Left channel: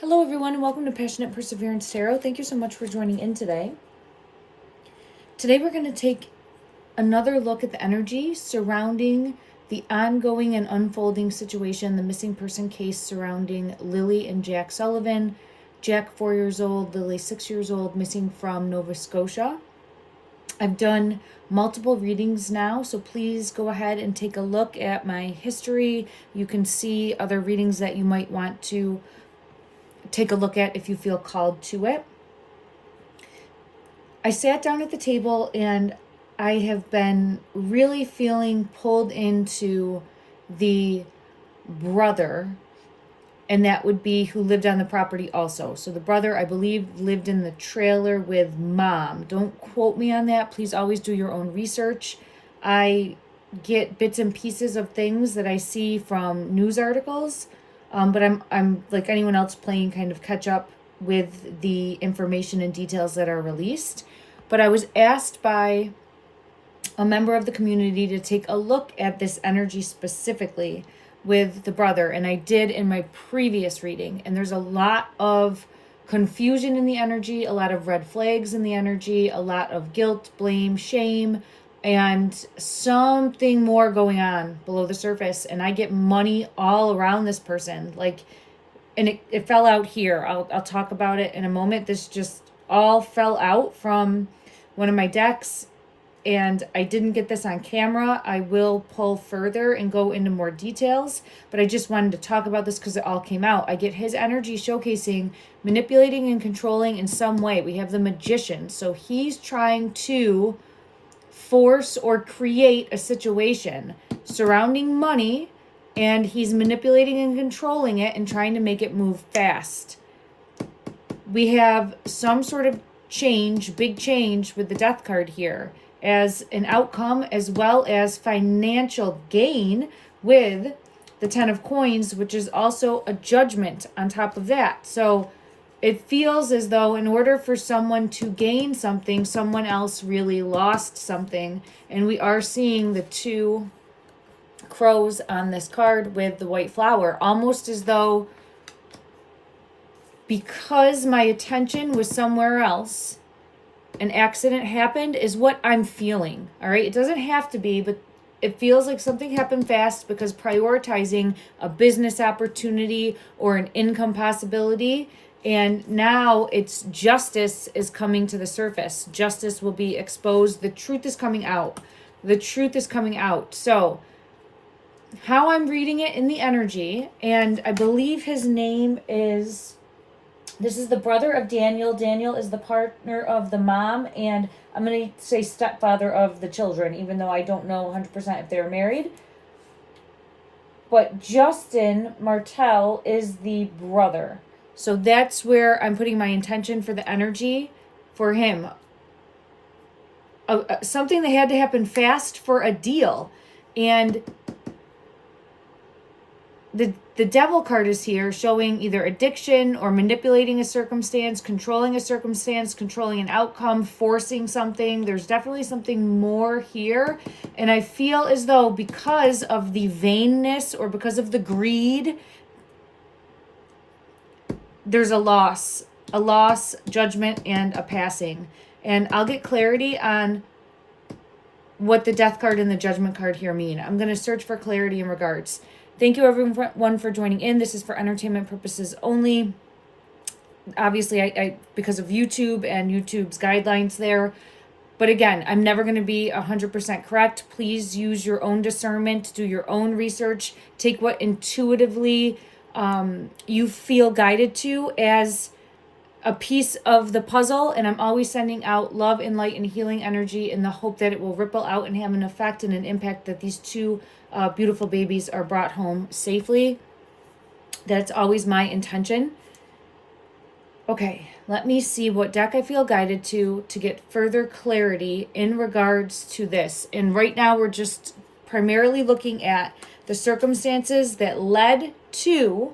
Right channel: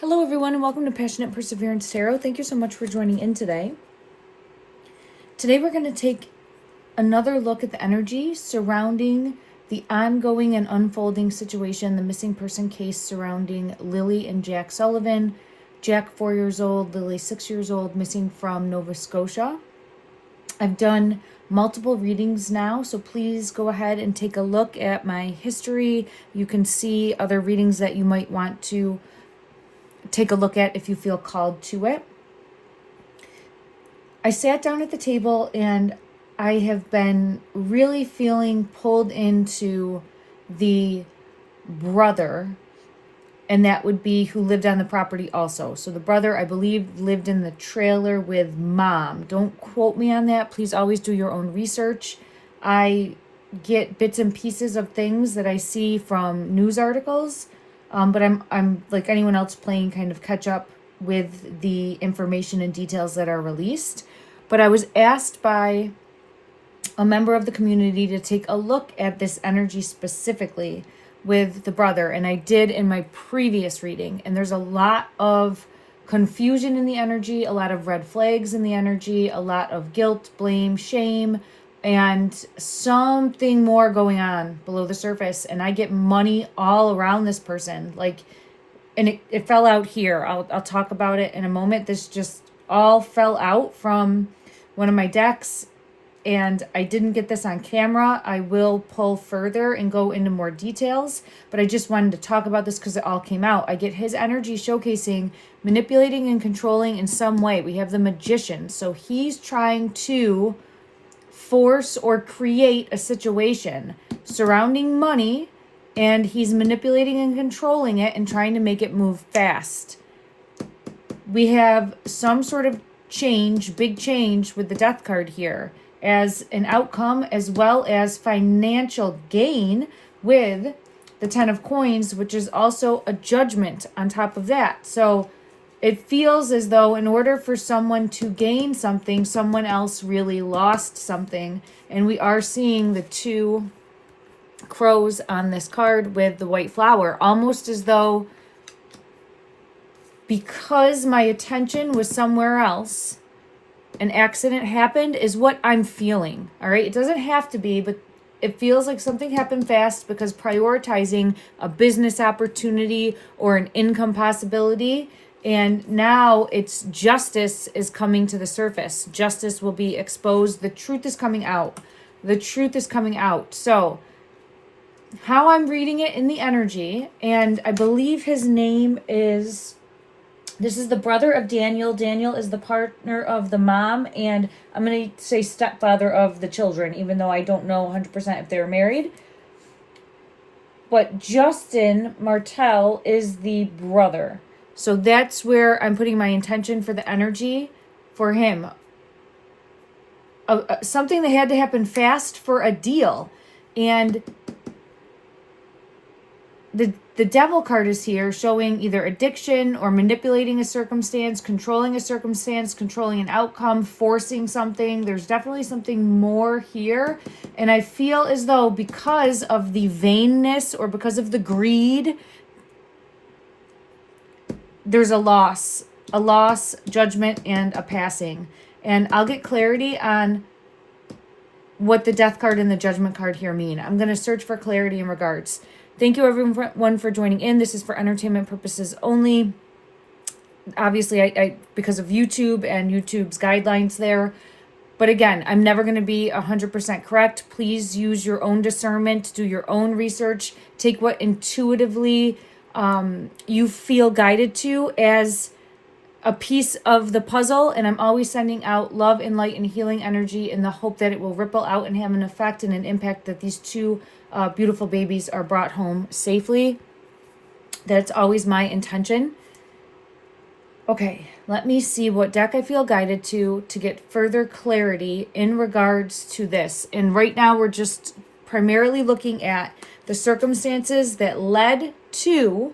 Hello everyone and welcome to Passionate Perseverance Tarot. Thank you so much for joining in today. Today we're going to take another look at the energy surrounding the ongoing and unfolding situation, the missing person case surrounding Lily and Jack Sullivan. Jack 4 years old, Lily 6 years old, missing from Nova Scotia. I've done multiple readings now, so please go ahead and take a look at my history. You can see other readings that you might want to take a look at if you feel called to it. I sat down at the table and I have been really feeling pulled into the brother, and that would be who lived on the property also. So the brother, I believe, lived in the trailer with mom. Don't quote me on that. Please always do your own research. I get bits and pieces of things that I see from news articles. But I'm like anyone else playing kind of catch up with the information and details that are released. But I was asked by a member of the community to take a look at this energy specifically with the brother. And I did in my previous reading. And there's a lot of confusion in the energy, a lot of red flags in the energy, a lot of guilt, blame, shame, and something more going on below the surface. And I get money all around this person. And it fell out here. I'll talk about it in a moment. This just all fell out from one of my decks. And I didn't get this on camera. I will pull further and go into more details. But I just wanted to talk about this because it all came out. I get his energy showcasing, manipulating and controlling in some way. We have the Magician. So he's trying to force or create a situation surrounding money, and he's manipulating and controlling it and trying to make it move fast. We have some sort of change, big change with the Death card here as an outcome, as well as financial gain with the Ten of Coins, which is also a judgment on top of that. So it feels as though in order for someone to gain something, someone else really lost something. And we are seeing the two crows on this card with the white flower, almost as though because my attention was somewhere else, an accident happened is what I'm feeling. All right. It doesn't have to be, but it feels like something happened fast because prioritizing a business opportunity or an income possibility. And now it's justice is coming to the surface. Justice will be exposed. The truth is coming out. The truth is coming out. So how I'm reading it in the energy, and I believe his name is, this is the brother of Daniel. Daniel is the partner of the mom, and I'm going to say stepfather of the children, even though I don't know 100% if they're married. But Justin Martel is the brother. So that's where I'm putting my intention for the energy for him. Something that had to happen fast for a deal. And the devil card is here showing either addiction or manipulating a circumstance, controlling an outcome, forcing something. There's definitely something more here. And I feel as though because of the vainness or because of the greed, there's a loss, judgment, and a passing. And I'll get clarity on what the Death card and the Judgment card here mean. I'm going to search for clarity in regards. Thank you everyone for joining in. This is for entertainment purposes only. Obviously, I because of YouTube and YouTube's guidelines there. But again, I'm never going to be 100% correct. Please use your own discernment, do your own research, take what intuitively you feel guided to as a piece of the puzzle. And I'm always sending out love and light and healing energy in the hope that it will ripple out and have an effect and an impact that these two beautiful babies are brought home safely. That's always my intention. Okay, let me see what deck I feel guided to get further clarity in regards to this. And right now we're just primarily looking at the circumstances that led to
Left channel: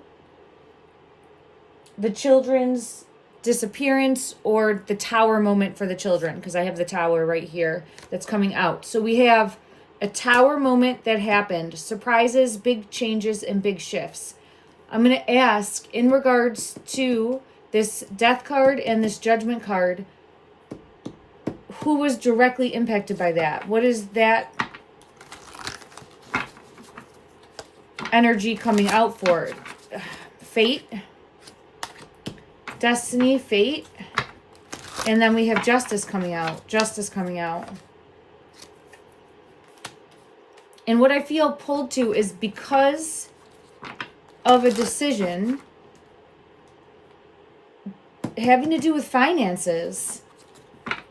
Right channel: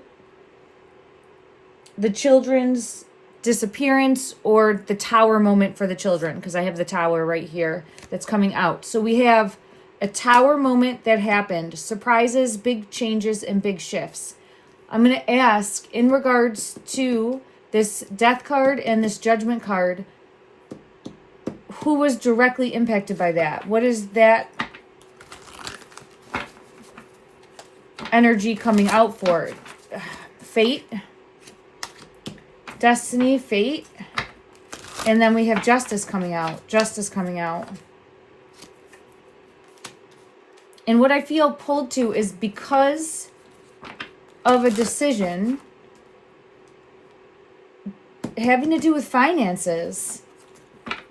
the children's disappearance or the tower moment for the children, because I have the tower right here that's coming out. So we have a tower moment that happened, surprises, big changes, and big shifts. I'm going to ask in regards to this death card and this judgment card, who was directly impacted by that? What is that energy coming out for? Fate, destiny, fate. And then we have justice coming out. Justice coming out. And what I feel pulled to is because of a decision having to do with finances,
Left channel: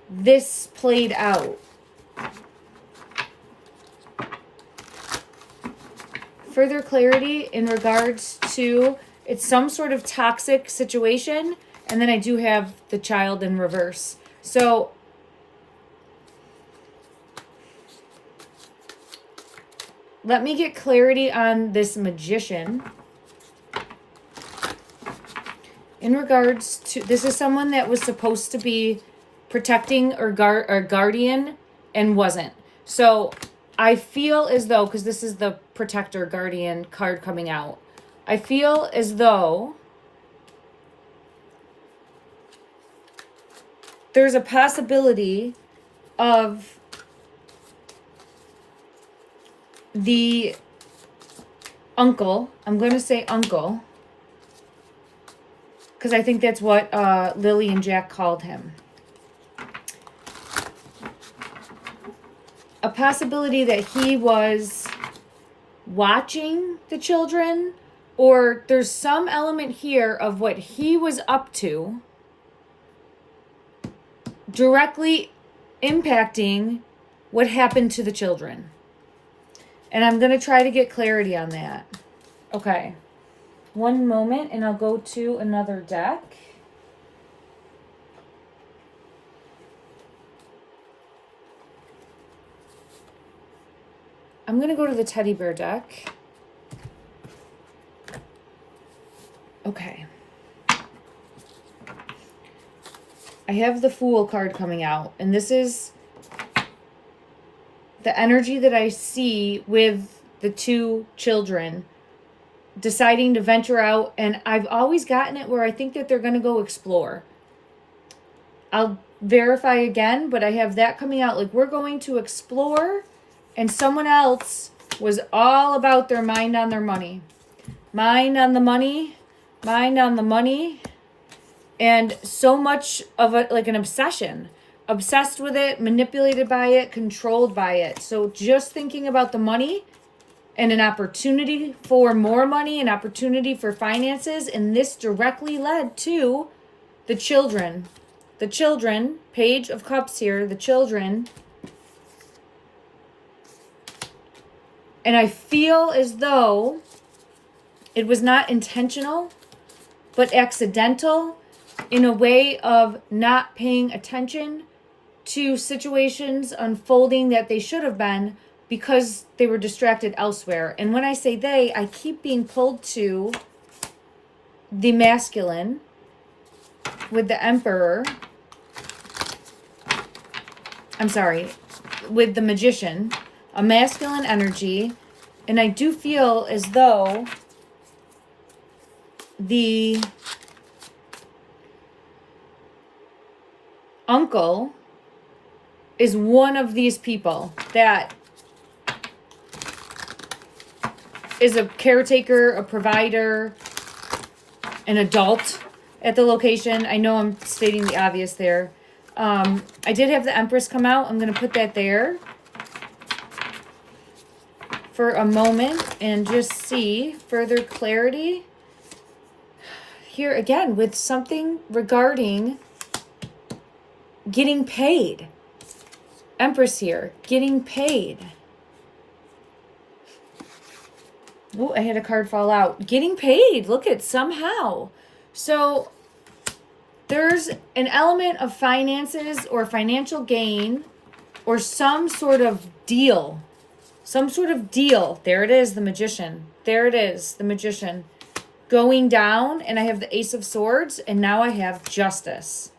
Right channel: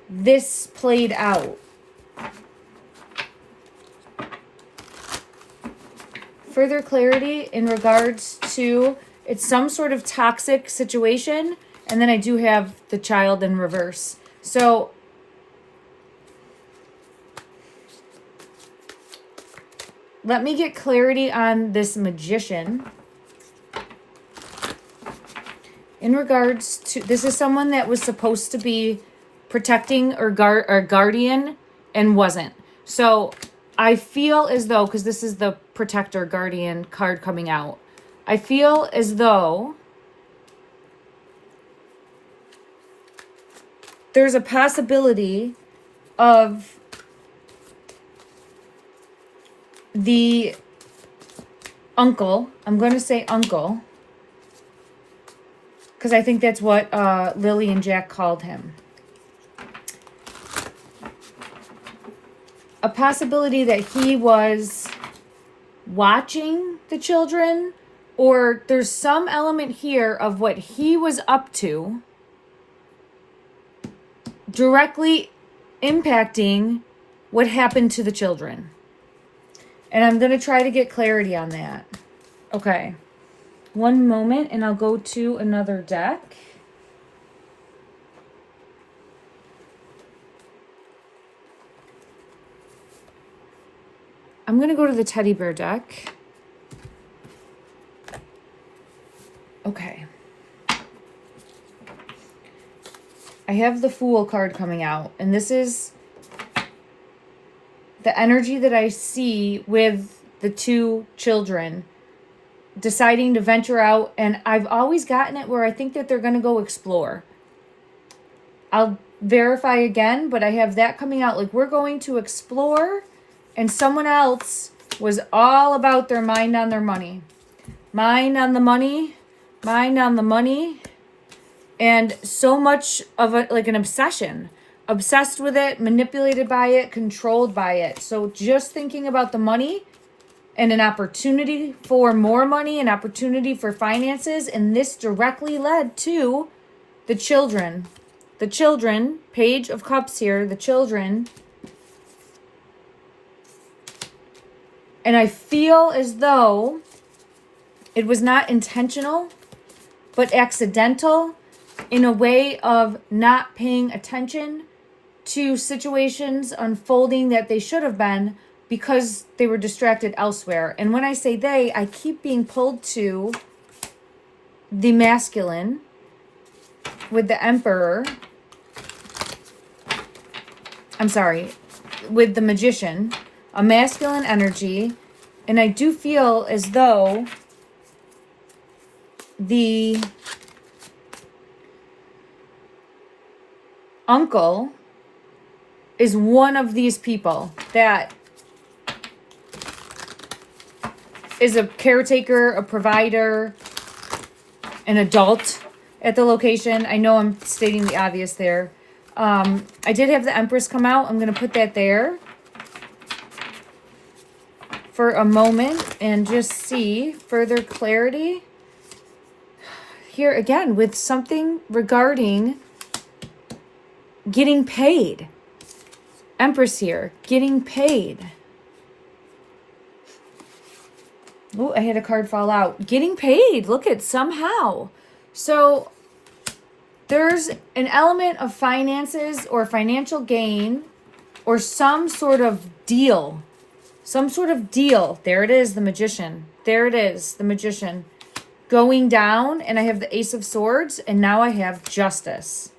this played out. Further clarity in regards to, it's some sort of toxic situation, and then I do have the child in reverse. So let me get clarity on this magician. In regards to, this is someone that was supposed to be protecting or guardian and wasn't. So I feel as though, because this is the protector guardian card coming out, I feel as though there's a possibility of the uncle, I'm going to say uncle, because I think that's what Lily and Jack called him. A possibility that he was watching the children, or there's some element here of what he was up to directly impacting what happened to the children. And I'm going to try to get clarity on that. Okay. One moment, and I'll go to another deck. I'm going to go to the teddy bear deck. Okay. I have the Fool card coming out, and this is the energy that I see with the two children deciding to venture out, and I've always gotten it where I think that they're going to go explore. I'll verify again, but I have that coming out, like we're going to explore, and someone else was all about their mind on their money. Mind on the money, mind on the money, and so much of it like an obsession. Obsessed with it, manipulated by it, controlled by it. So just thinking about the money and an opportunity for more money, an opportunity for finances, and this directly led to the children. The children, Page of Cups here, the children. And I feel as though it was not intentional, but accidental in a way of not paying attention to situations unfolding that they should have been because they were distracted elsewhere. And when I say they, I keep being pulled to the masculine with the Emperor. I'm sorry, with the Magician, a masculine energy. And I do feel as though the uncle is one of these people that is a caretaker, a provider, an adult at the location. I know I'm stating the obvious there. I did have the Empress come out. I'm going to put that there for a moment and just see further clarity. Here again with something regarding getting paid. Empress here, getting paid. Oh, I had a card fall out. Getting paid. Look at somehow. So there's an element of finances or financial gain or some sort of deal. Some sort of deal. There it is, the Magician. There it is, the Magician. Going down, and I have the Ace of Swords, and now I have Justice.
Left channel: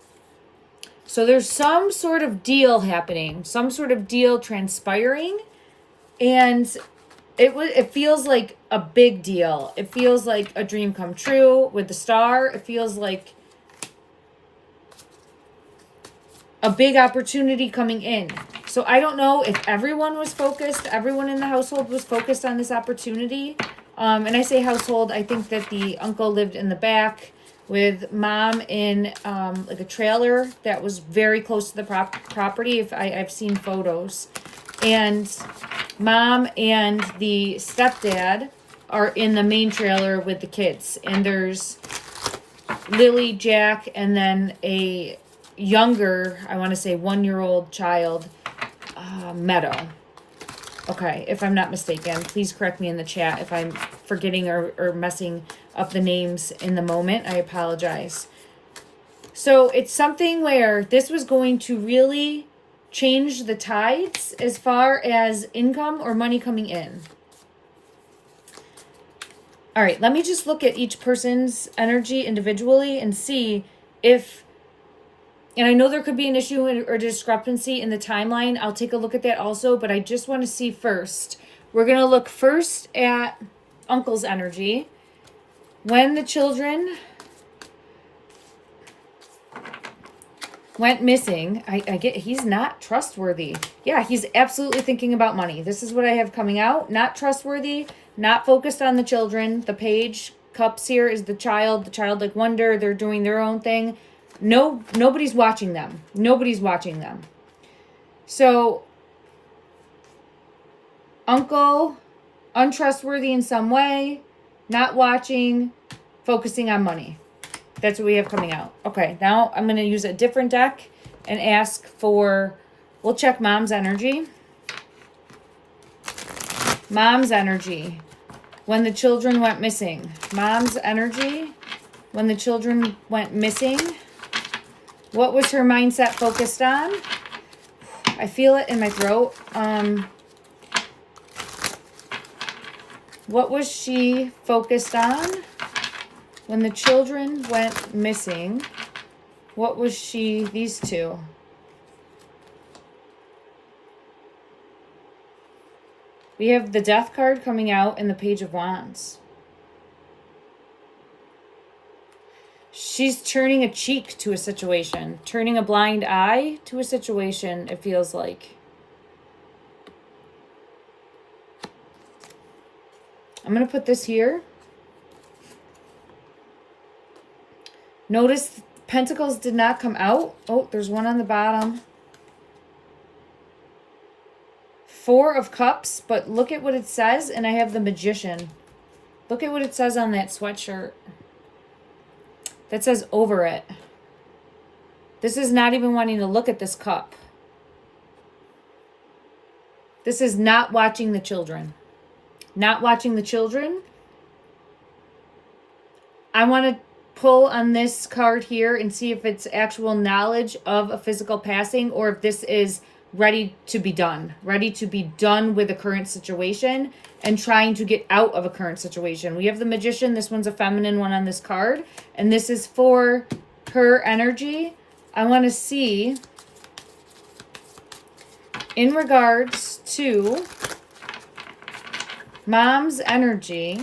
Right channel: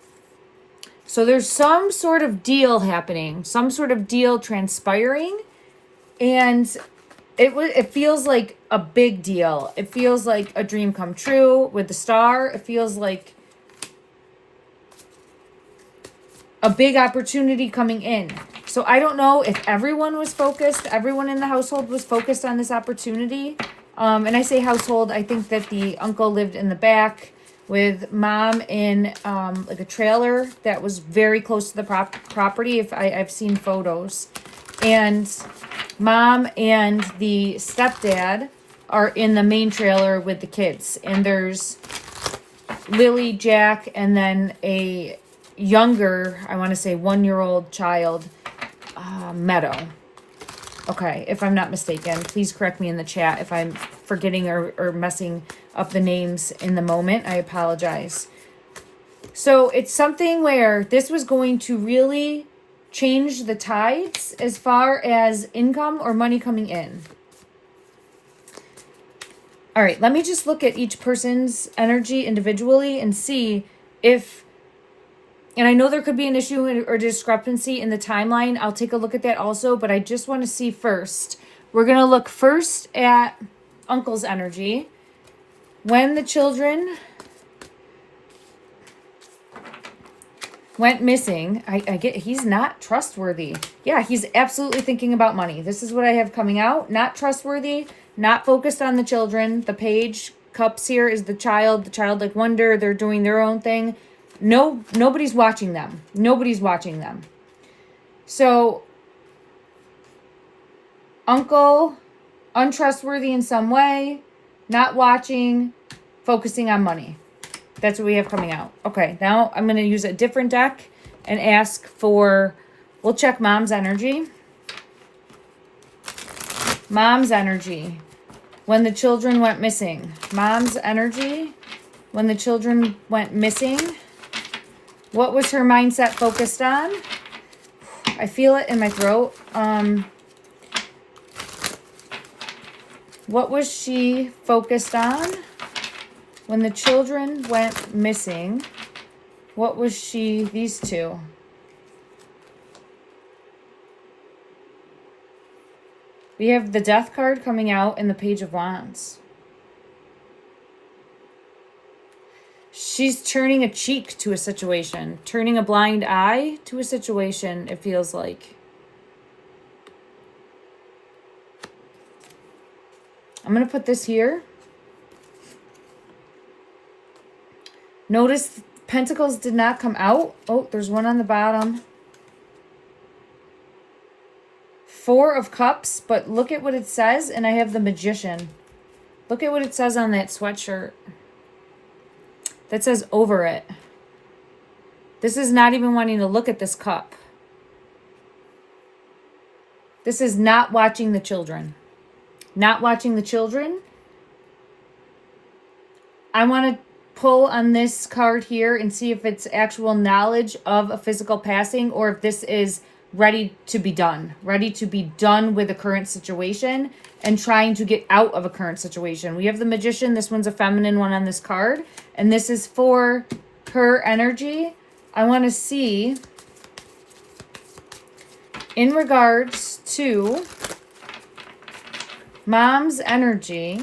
So there's some sort of deal happening, some sort of deal transpiring, and it feels like a big deal. It feels like a dream come true with the star. It feels like a big opportunity coming in. So I don't know if everyone was focused, everyone in the household was focused on this opportunity. And I say household, I think that the uncle lived in the back with mom in like a trailer that was very close to the property. If I've seen photos. And mom and the stepdad are in the main trailer with the kids. And there's Lily, Jack, and then a younger, I want to say 1-year-old child, Meadow. Okay, if I'm not mistaken, please correct me in the chat if I'm forgetting or messing up the names in the moment. I apologize. So it's something where this was going to really change the tides as far as income or money coming in. All right, let me just look at each person's energy individually and see if, and I know there could be an issue or discrepancy in the timeline. I'll take a look at that also, but I just want to see first. We're going to look first at Uncle's energy. When the children went missing, I get he's not trustworthy. Yeah, he's absolutely thinking about money. This is what I have coming out. Not trustworthy, not focused on the children. The page cups here is the childlike wonder. They're doing their own thing. No, nobody's watching them. Nobody's watching them. So, uncle, untrustworthy in some way, not watching, focusing on money. That's what we have coming out. Okay, now I'm going to use a different deck and ask for, we'll check mom's energy. Mom's energy when the children went missing. Mom's energy when the children went missing. What was her mindset focused on? I feel it in my throat. What was she focused on when the children went missing? What was she, these two? We have the Death card coming out and the Page of Wands. She's turning a cheek to a situation, turning a blind eye to a situation, it feels like. I'm going to put this here. Notice Pentacles did not come out. Oh, there's one on the bottom. 4 of Cups, but look at what it says, and I have the Magician. Look at what it says on that sweatshirt. That says over it. This is not even wanting to look at this cup. This is not watching the children. Not watching the children. I want to pull on this card here and see if it's actual knowledge of a physical passing or if this is ready to be done. Ready to be done with the current situation and trying to get out of a current situation. We have the Magician. This one's a feminine one on this card. And this is for her energy. I want to see in regards to mom's energy.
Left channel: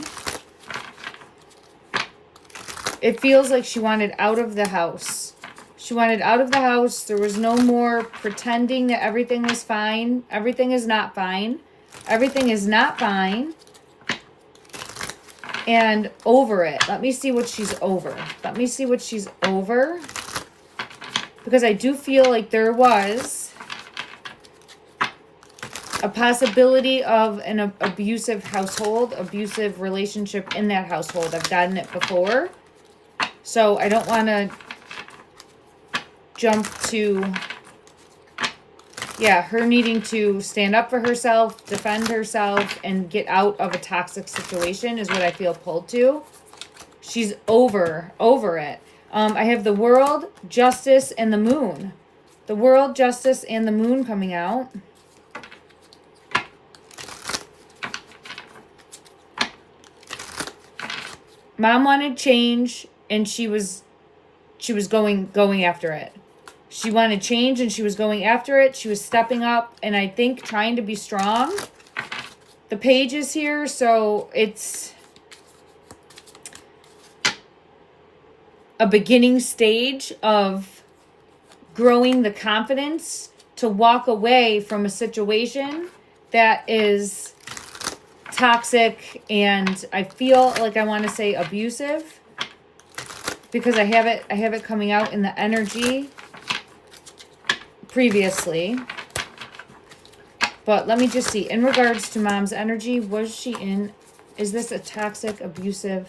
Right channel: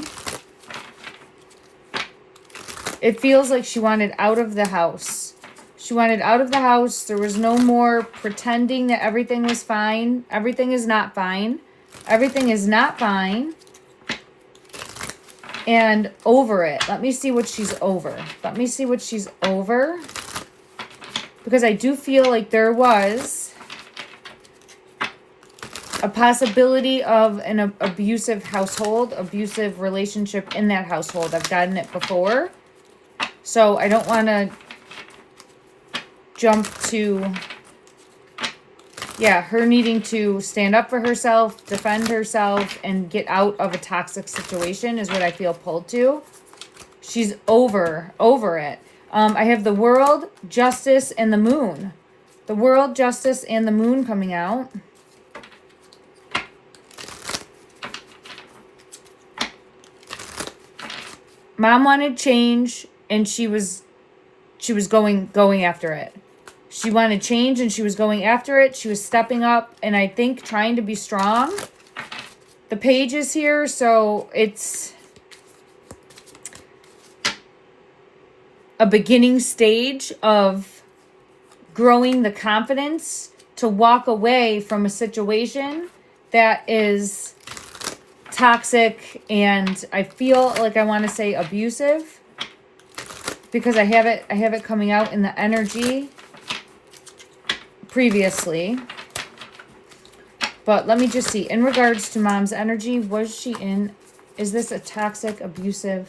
It feels like she wanted out of the house. She wanted out of the house. There was no more pretending that everything was fine. Everything is not fine. Everything is not fine. And over it. Let me see what she's over. Let me see what she's over. Because I do feel like there was a possibility of an abusive household, abusive relationship in that household. I've gotten it before. So I don't want to jump to, yeah, her needing to stand up for herself, defend herself, and get out of a toxic situation is what I feel pulled to. She's over it. I have the World, Justice, and the Moon. The World, Justice, and the Moon coming out. Mom wanted change, and she was going after it. She wanted change, and she was going after it. She was stepping up, and I think trying to be strong. the pages here, so it's a beginning stage of growing the confidence to walk away from a situation that is toxic and I feel like I want to say abusive, because I have it coming out in the energy previously. But let me just see, in regards to mom's energy, was she in, is this a toxic, abusive?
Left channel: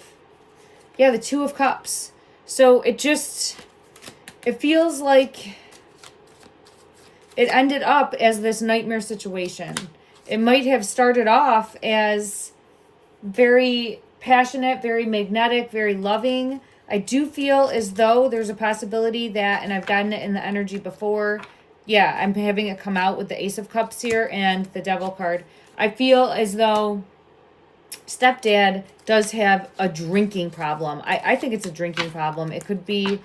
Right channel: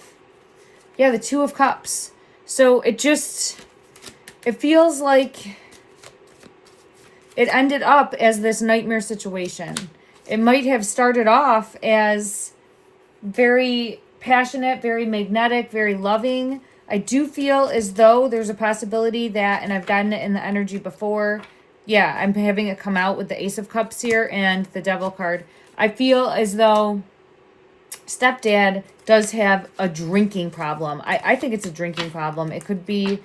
Yeah, the Two of Cups. So it feels like it ended up as this nightmare situation. It might have started off as very passionate, very magnetic, very loving. I do feel as though there's a possibility that, and I've gotten it in the energy before, yeah, I'm having it come out with the Ace of Cups here and the Devil card. I feel as though stepdad does have a drinking problem. I think it's a drinking problem. It could be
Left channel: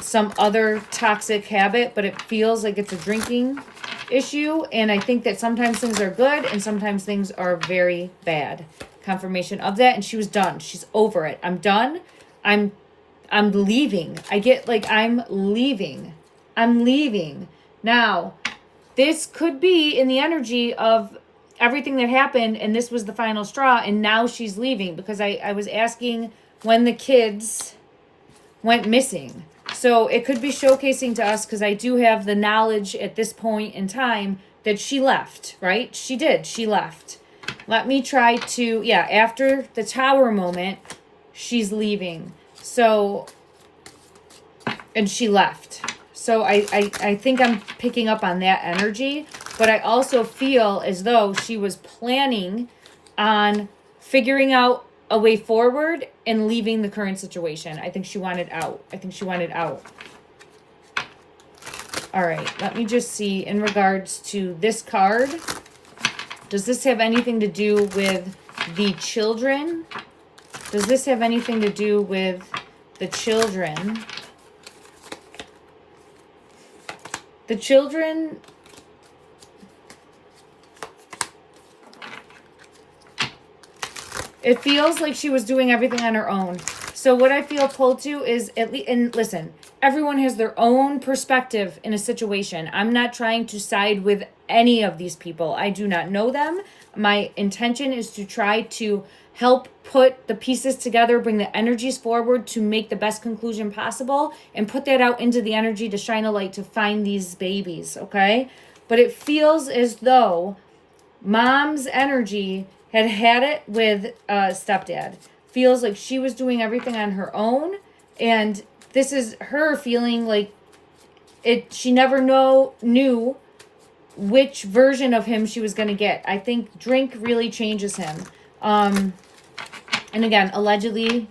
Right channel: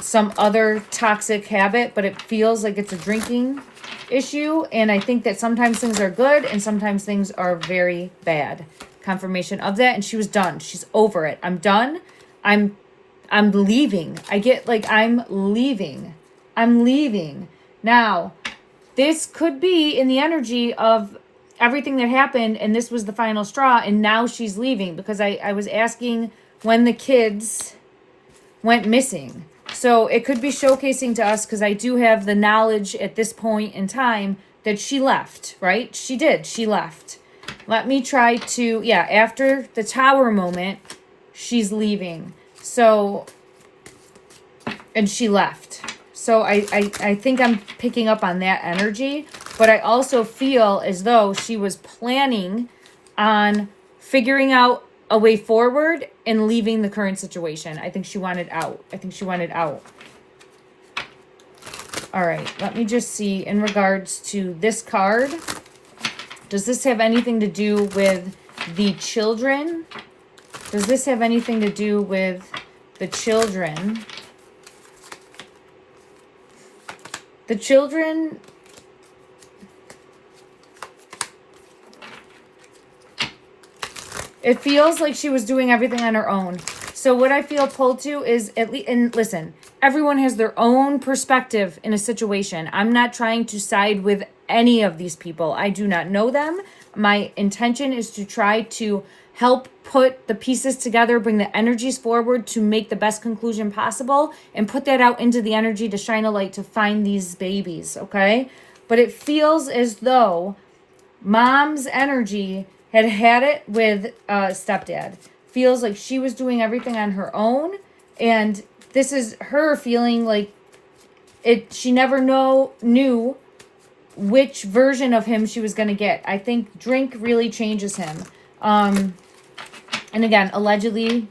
some other toxic habit, but it feels like it's a drinking issue. And I think that sometimes things are good and sometimes things are very bad. Confirmation of that. And she was done. She's over it. I'm done. I'm leaving. I get like, I'm leaving. Now, this could be in the energy of everything that happened, and this was the final straw, and now she's leaving, because I was asking when the kids went missing. So it could be showcasing to us, because I do have the knowledge at this point in time that she left, right? She did. She left. Let me try to, yeah, after the tower moment, she's leaving. So, and she left. So I think I'm picking up on that energy, but I also feel as though she was planning on figuring out a way forward and leaving the current situation. I think she wanted out. All right, let me just see in regards to this card. Does this have anything to do with the children? Does this have anything to do with the children? The children, it feels like she was doing everything on her own. So what I feel pulled to is, at least, and listen, everyone has their own perspective in a situation. I'm not trying to side with any of these people. I do not know them. My intention is to try to help put the pieces together, bring the energies forward to make the best conclusion possible, and put that out into the energy to shine a light to find these babies, okay? But it feels as though mom's energy had it with stepdad. Feels like she was doing everything on her own, and this is her feeling like it. She never knew which version of him she was going to get. I think drink really changes him. And again, allegedly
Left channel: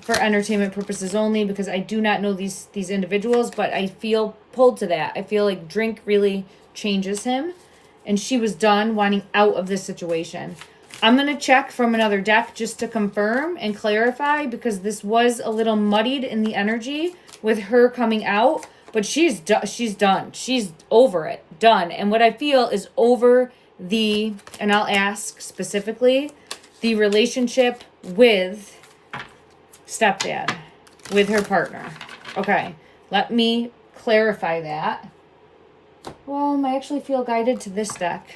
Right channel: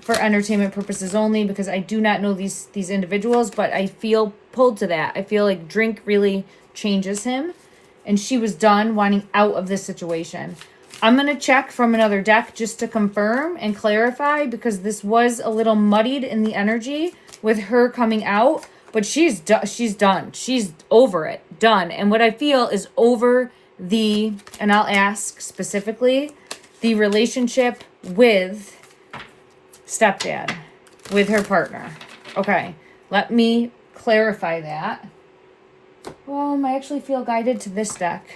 for entertainment purposes only, because I do not know these individuals, but I feel pulled to that. I feel like drink really changes him, and she was done wanting out of this situation. I'm going to check from another deck just to confirm and clarify, because this was a little muddied in the energy with her coming out, but she's done. She's over it, done. And what I feel is over and I'll ask specifically, the relationship with stepdad, with her partner. Okay, let me clarify that. I actually feel guided to this deck.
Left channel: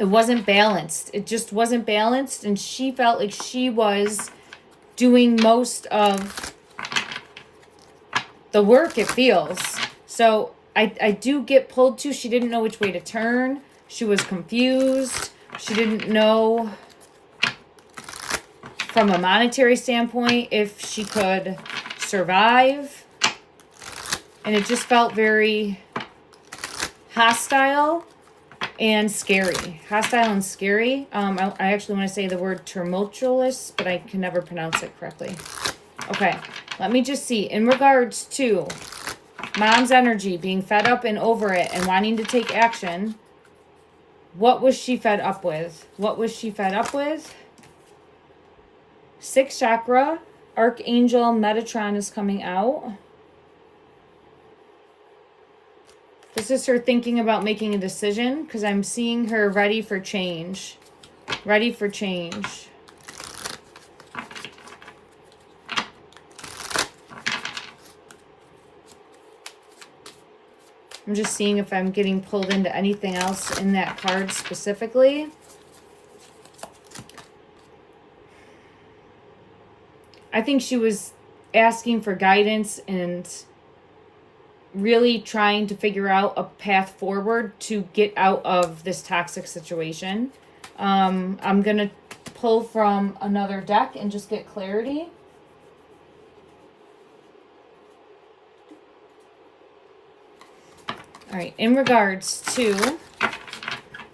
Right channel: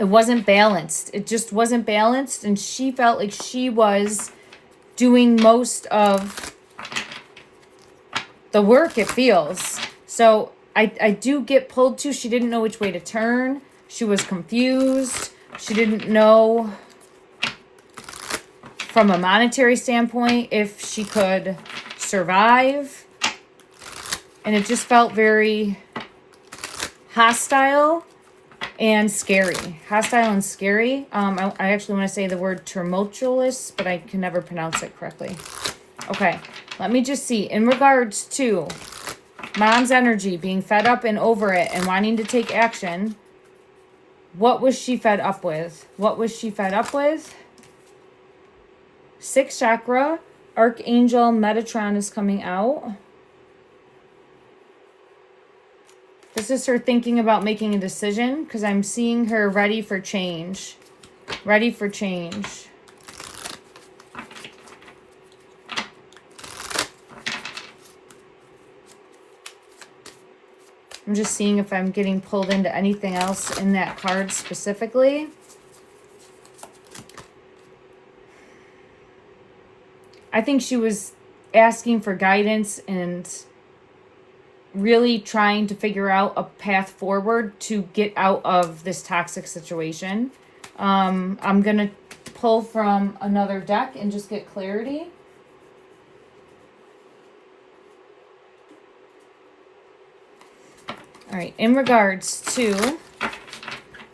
It wasn't balanced. It just wasn't balanced, and she felt like she was doing most of the work, it feels. So I do get pulled to, she didn't know which way to turn. She was confused. She didn't know from a monetary standpoint if she could survive. And it just felt very hostile and scary. Hostile and scary. I actually want to say the word tumultuous, but I can never pronounce it correctly. Okay, let me just see. In regards to mom's energy, being fed up and over it and wanting to take action, what was she fed up with? Sixth chakra, Archangel Metatron is coming out. This is her thinking about making a decision because I'm seeing her ready for change. Ready for change. I'm just seeing if I'm getting pulled into anything else in that card specifically. I think she was asking for guidance and really trying to figure out a path forward to get out of this toxic situation. I'm going to pull from another deck and just get clarity. All right, in regards to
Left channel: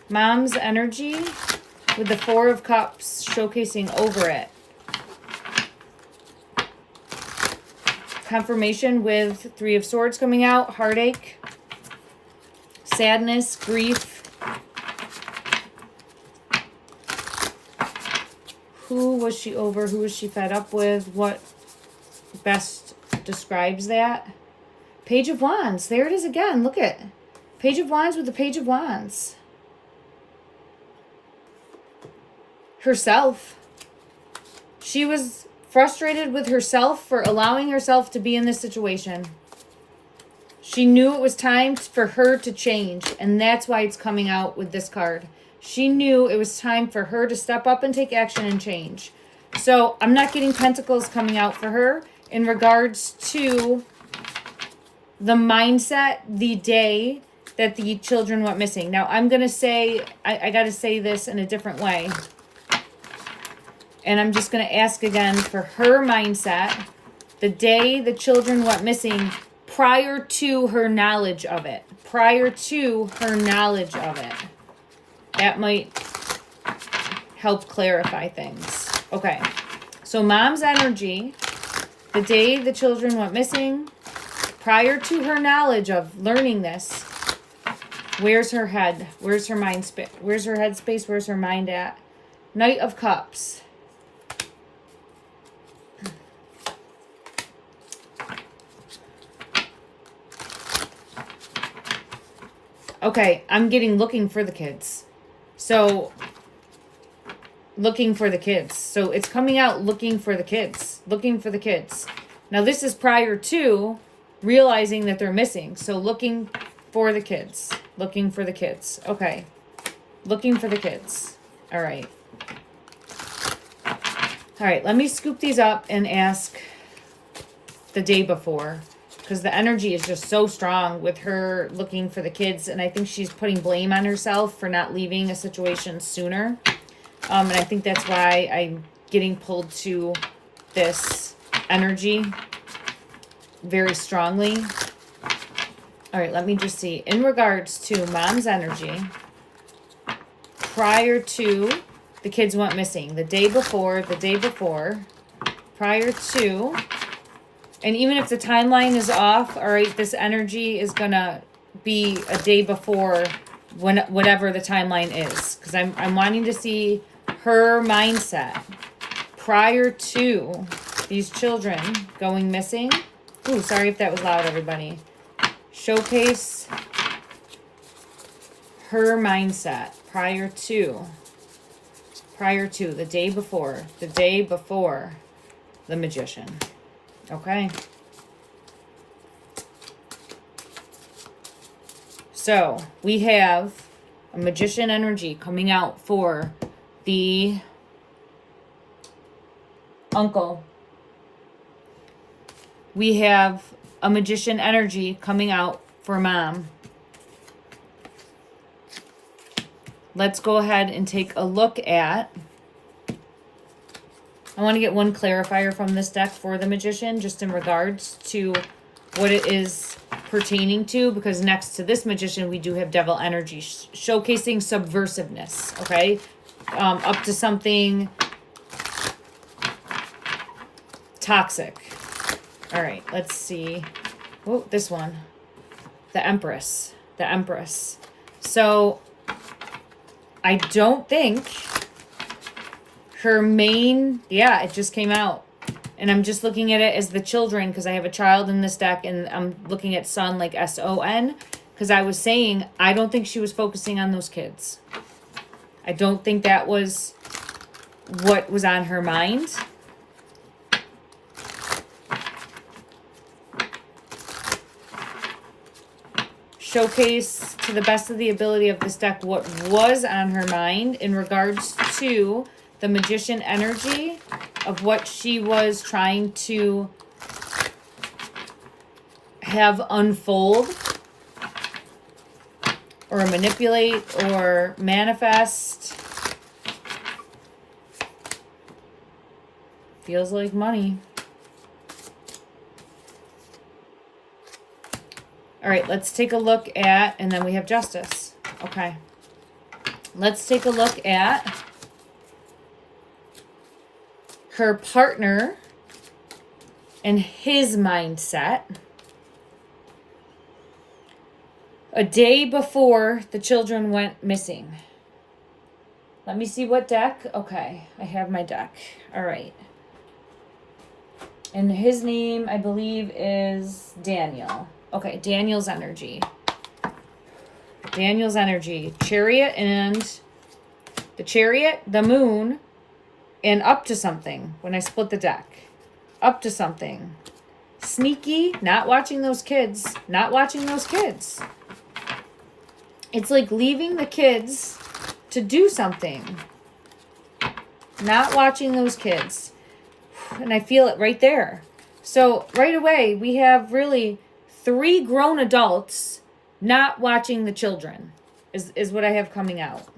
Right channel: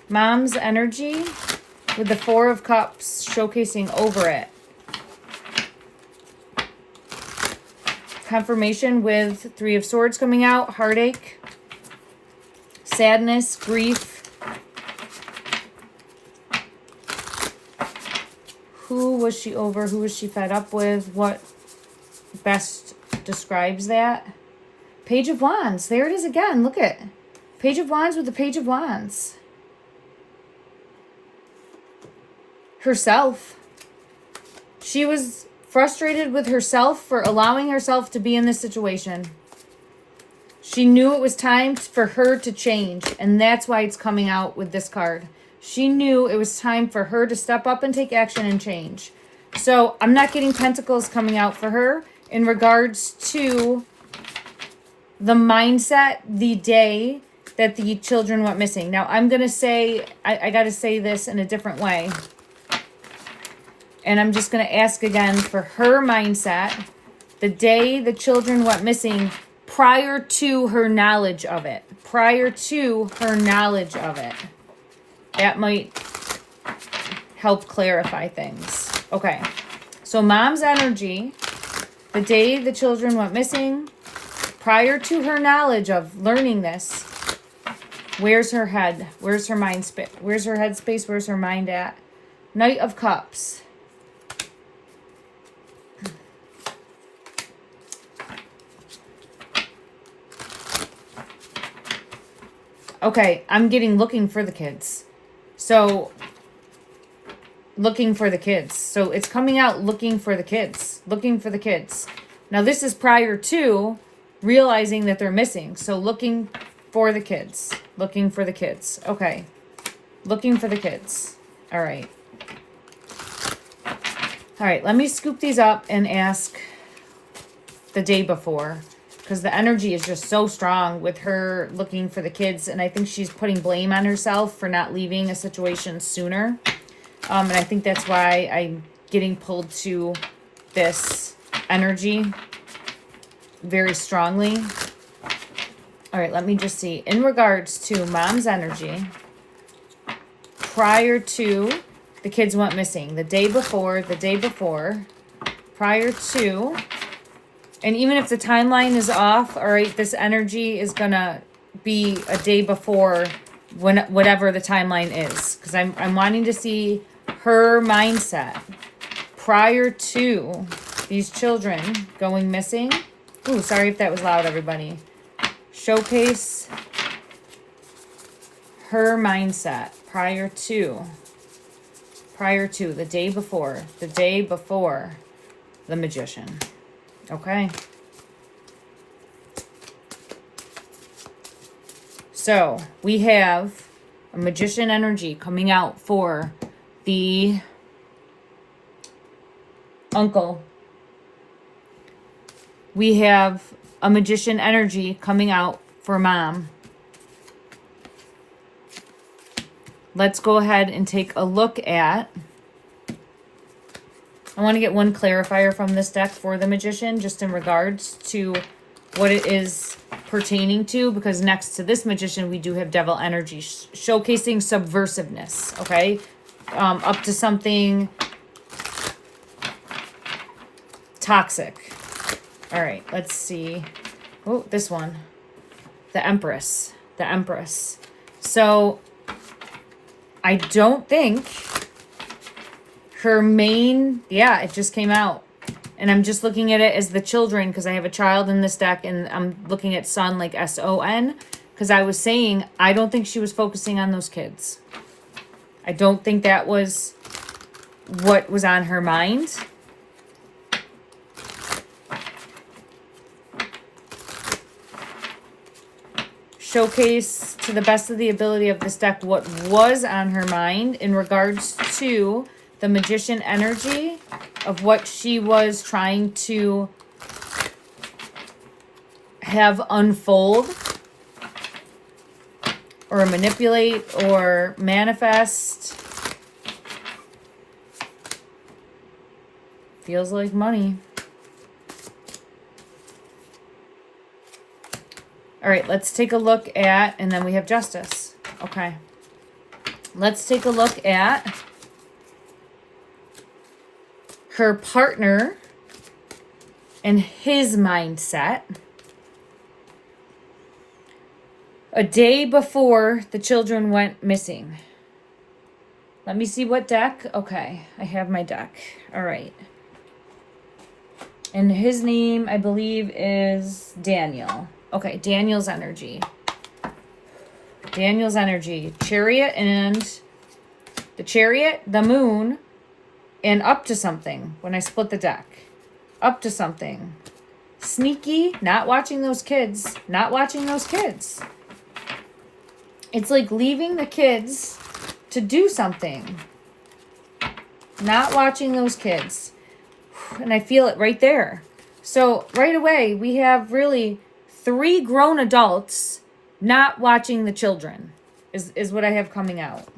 mom's energy with the Four of Cups showcasing over it. Confirmation with Three of Swords coming out, heartache, sadness, grief. Who was she over? Who was she fed up with? What best describes that? Page of Wands. There it is again. Look at Page of Wands with the Page of Wands. Herself. She was frustrated with herself for allowing herself to be in this situation. She knew it was time for her to change, and that's why it's coming out with this card. She knew it was time for her to step up and take action and change. So I'm not getting pentacles coming out for her in regards to the mindset the day that the children went missing. Now I'm going to say, I got to say this in a different way. And I'm just going to ask again for her mindset the day the children went missing prior to her knowledge of it. Prior to her knowledge of it. That might help clarify things. Okay. So mom's energy, the day the children went missing, prior to her knowledge of learning this, where's her head? Where's her mind space? Where's her head space? Where's her mind at? Knight of Cups. Okay, I'm getting looking for the kids. So, looking for the kids. So, it's coming out looking for the kids. Looking for the kids. Now, this is prior to realizing that they're missing. So, looking for the kids. Looking for the kids. Okay. Looking for the kids. All right. All right, let me scoop these up and ask the day before. Because the energy is just so strong with her looking for the kids. And I think she's putting blame on herself for not leaving a situation sooner. And I think that's why I'm getting pulled to this energy very strongly. All right, let me just see. In regards to mom's energy, prior to the kids went missing, the day before, prior to... And even if the timeline is off, all right, this energy is going to be a day before whatever the timeline is. Because I'm wanting to see her mindset prior to these children going missing. Ooh, sorry if that was loud, everybody. Showcase her mindset prior to the day before the Magician. Okay. So we have a Magician energy coming out for the uncle. We have a Magician energy coming out for mom. Let's go ahead and take a look at... I want to get one clarifier from this deck for the Magician, just in regards to what it is pertaining to, because next to this Magician, we do have Devil energy, showcasing subversiveness, okay? Up to something toxic. All right, let's see. Oh, this one. The Empress. The Empress. So, I don't think... her main, yeah, it just came out. And I'm just looking at it as the children because I have a child in this deck and I'm looking at son like S-O-N. Because I was saying, I don't think she was focusing on those kids. I don't think that was what was on her mind. Showcase to the best of the ability of this deck what was on her mind in regards to the Magician energy of what she was trying to have unfold or manipulate or manifest. Feels like money. All right, let's take a look at, and then we have Justice. Okay. Let's take a look at her partner and his mindset a day before the children went missing. Let me see what deck. Okay, I have my deck. All right. And his name, I believe, is Daniel. Okay, Daniel's energy. Daniel's energy. Chariot and the Chariot, the Moon, and up to something when I split the deck. Up to something. Sneaky, not watching those kids. Not watching those kids. It's like leaving the kids to do something. Not watching those kids. And I feel it right there. So right away, we have really 3 grown adults not watching the children is what I have coming out.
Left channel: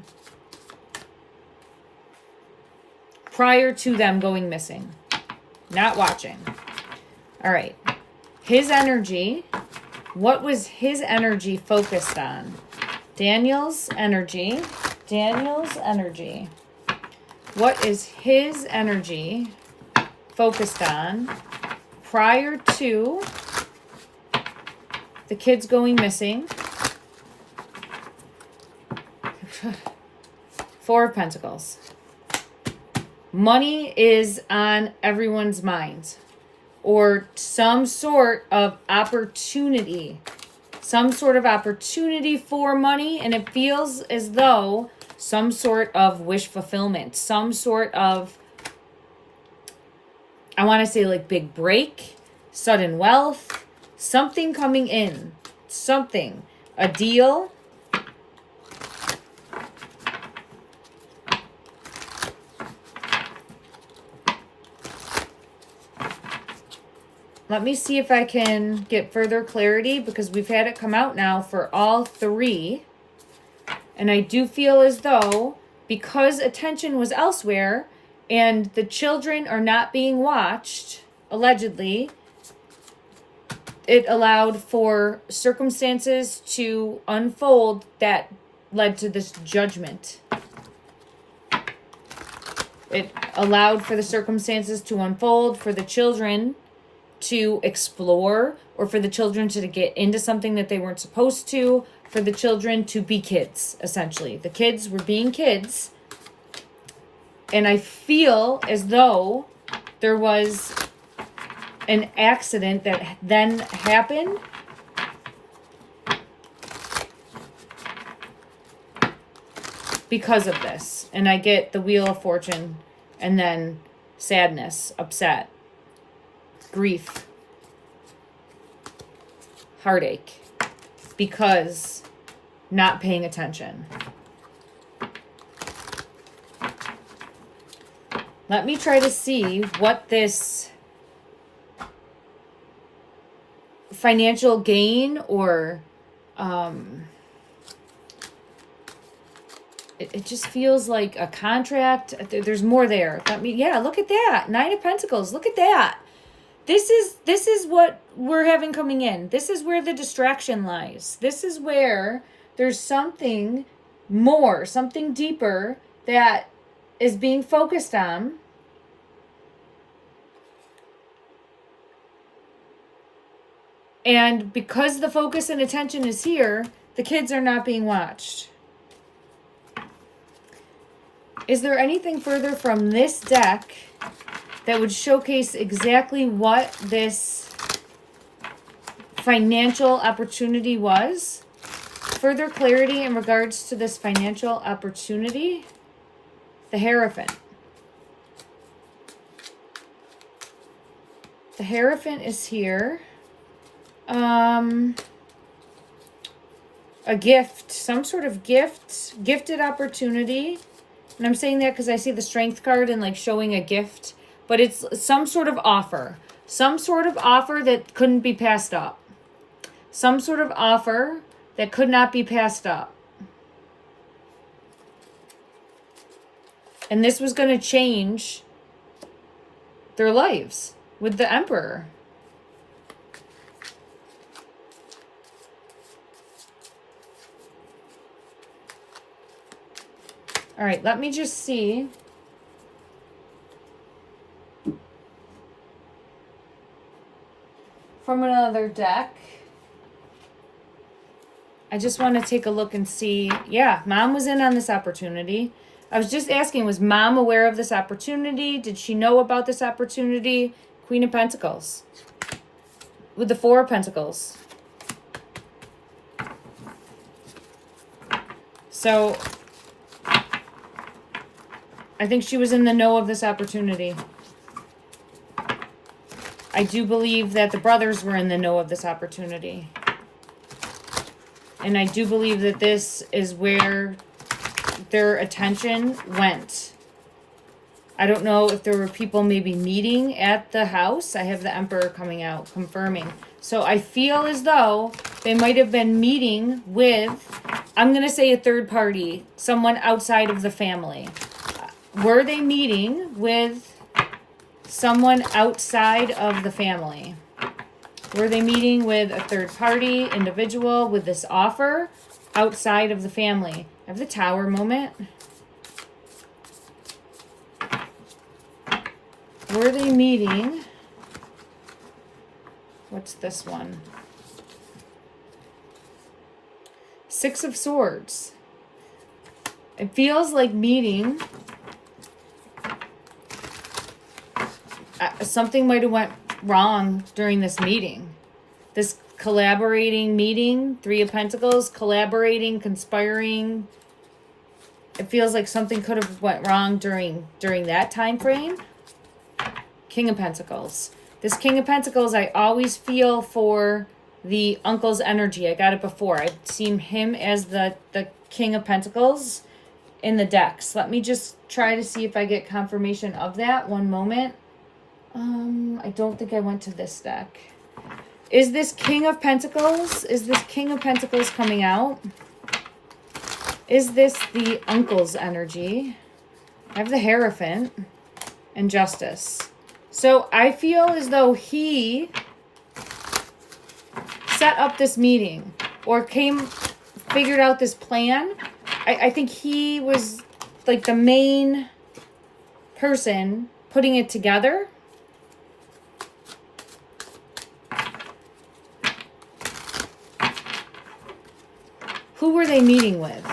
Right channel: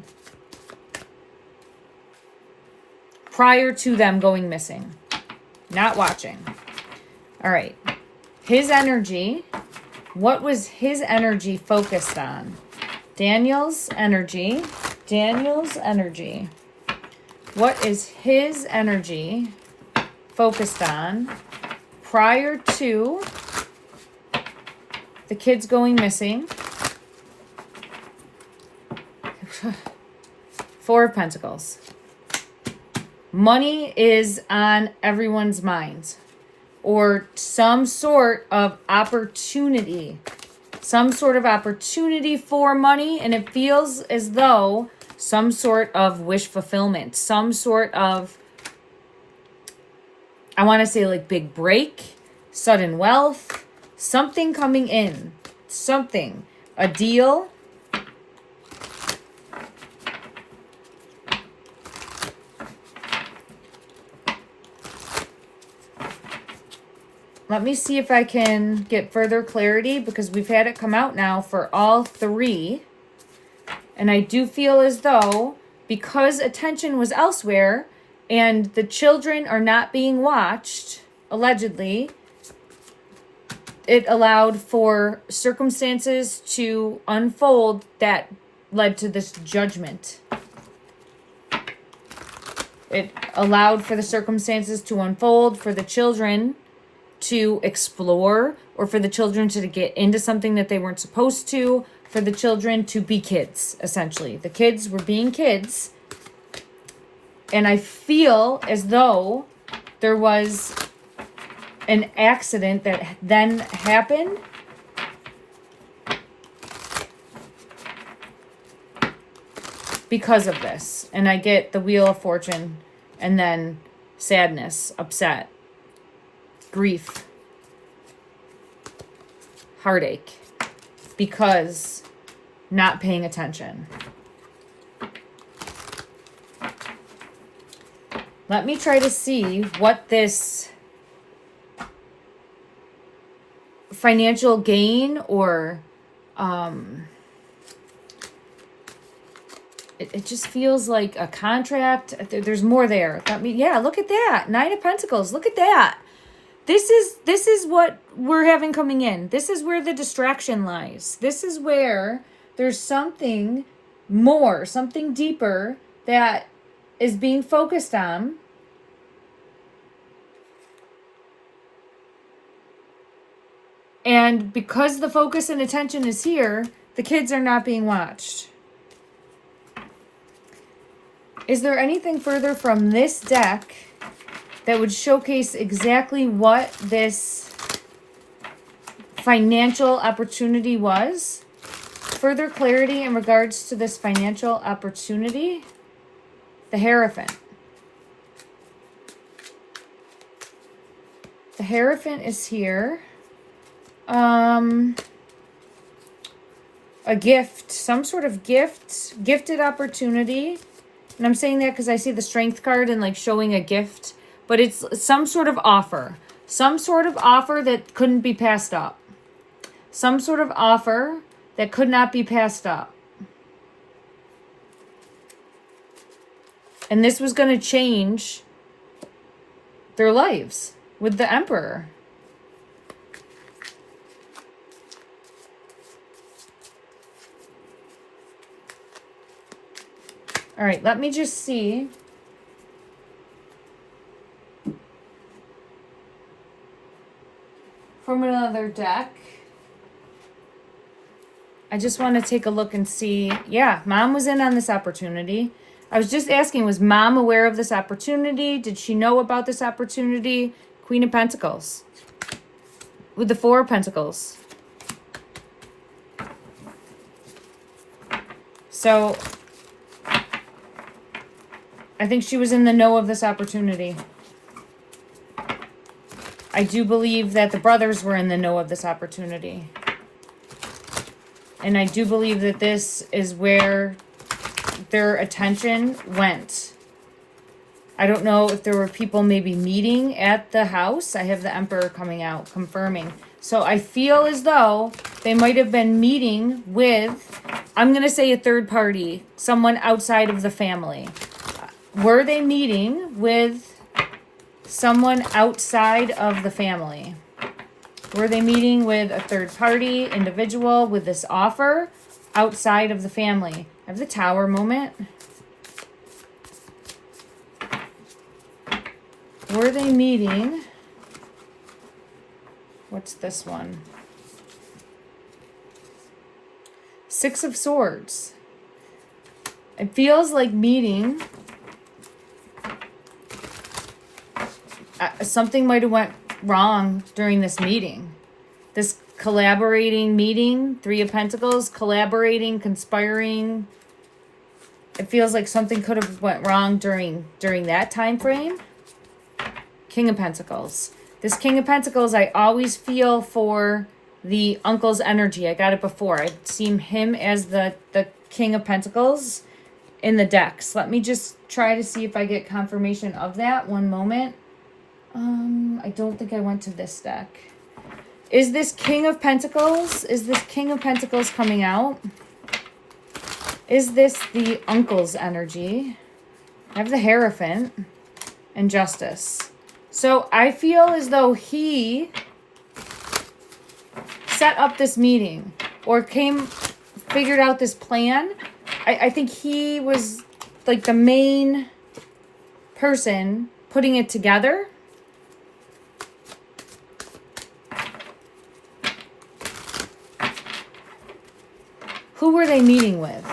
Prior to them going missing. Not watching. All right. His energy. What was his energy focused on? Daniel's energy. Daniel's energy. What is his energy focused on prior to the kids going missing? 4 of Pentacles. Money is on everyone's mind, or some sort of opportunity. Some sort of opportunity for money, and it feels as though some sort of wish fulfillment, some sort of, I want to say like big break, sudden wealth, something coming in, something, a deal. Let me see if I can get further clarity, because we've had it come out now for all 3. And I do feel as though because attention was elsewhere and the children are not being watched, allegedly, it allowed for circumstances to unfold that led to this judgment. It allowed for the circumstances to unfold, for the children to explore, or for the children to get into something that they weren't supposed to, for the children to be kids, essentially. The kids were being kids. And I feel as though there was an accident that then happened because of this. And I get the Wheel of Fortune, and then sadness, upset, grief, heartache, because not paying attention. Let me try to see what this financial gain or it just feels like a contract. There's more there. Yeah, look at that. 9 of Pentacles. Look at that. This is what we're having coming in. This is where the distraction lies. This is where there's something more, something deeper that is being focused on. And because the focus and attention is here, the kids are not being watched. Is there anything further from this deck that would showcase exactly what this financial opportunity was? further clarity in regards to this financial opportunity. The Hierophant. The Hierophant is here. A gift, some sort of gift, gifted opportunity. And I'm saying that because I see the Strength card and like showing a gift, but it's some sort of offer. Some sort of offer that couldn't be passed up. Some sort of offer that could not be passed up. And this was going to change their lives with the Emperor. All right, let me just see. From another deck. I just want to take a look and see. Yeah, Mom was in on this opportunity. I was just asking, was Mom aware of this opportunity? Did she know about this opportunity? Queen of Pentacles. With the Four of Pentacles. So I think she was in the know of this opportunity. I do believe that the brothers were in the know of this opportunity. And I do believe that this is where their attention went. I don't know if there were people maybe meeting at the house. I have the Emperor coming out, confirming. So I feel as though they might have been meeting with, I'm going to say a third party, someone outside of the family. Were they meeting with someone outside of the family? Were they meeting with a third party individual with this offer outside of the family? I have the Tower moment. Were they meeting? What's this one? Six of Swords. It feels like meeting. Something might have went wrong during this meeting. This collaborating meeting, Three of Pentacles, collaborating, conspiring. It feels like something could have went wrong during that time frame. King of Pentacles. This King of Pentacles, I always feel for the uncle's energy. I got it before. I've seen him as the King of Pentacles in the decks. Let me just try to see if I get confirmation of that. One moment. I don't think I went to this deck. Is this King of Pentacles? Is this King of Pentacles coming out? Is this the uncle's energy? I have the Hierophant and Justice. So I feel as though he set up this meeting or figured out this plan. I think he was like the main person putting it together. Who were they meeting with?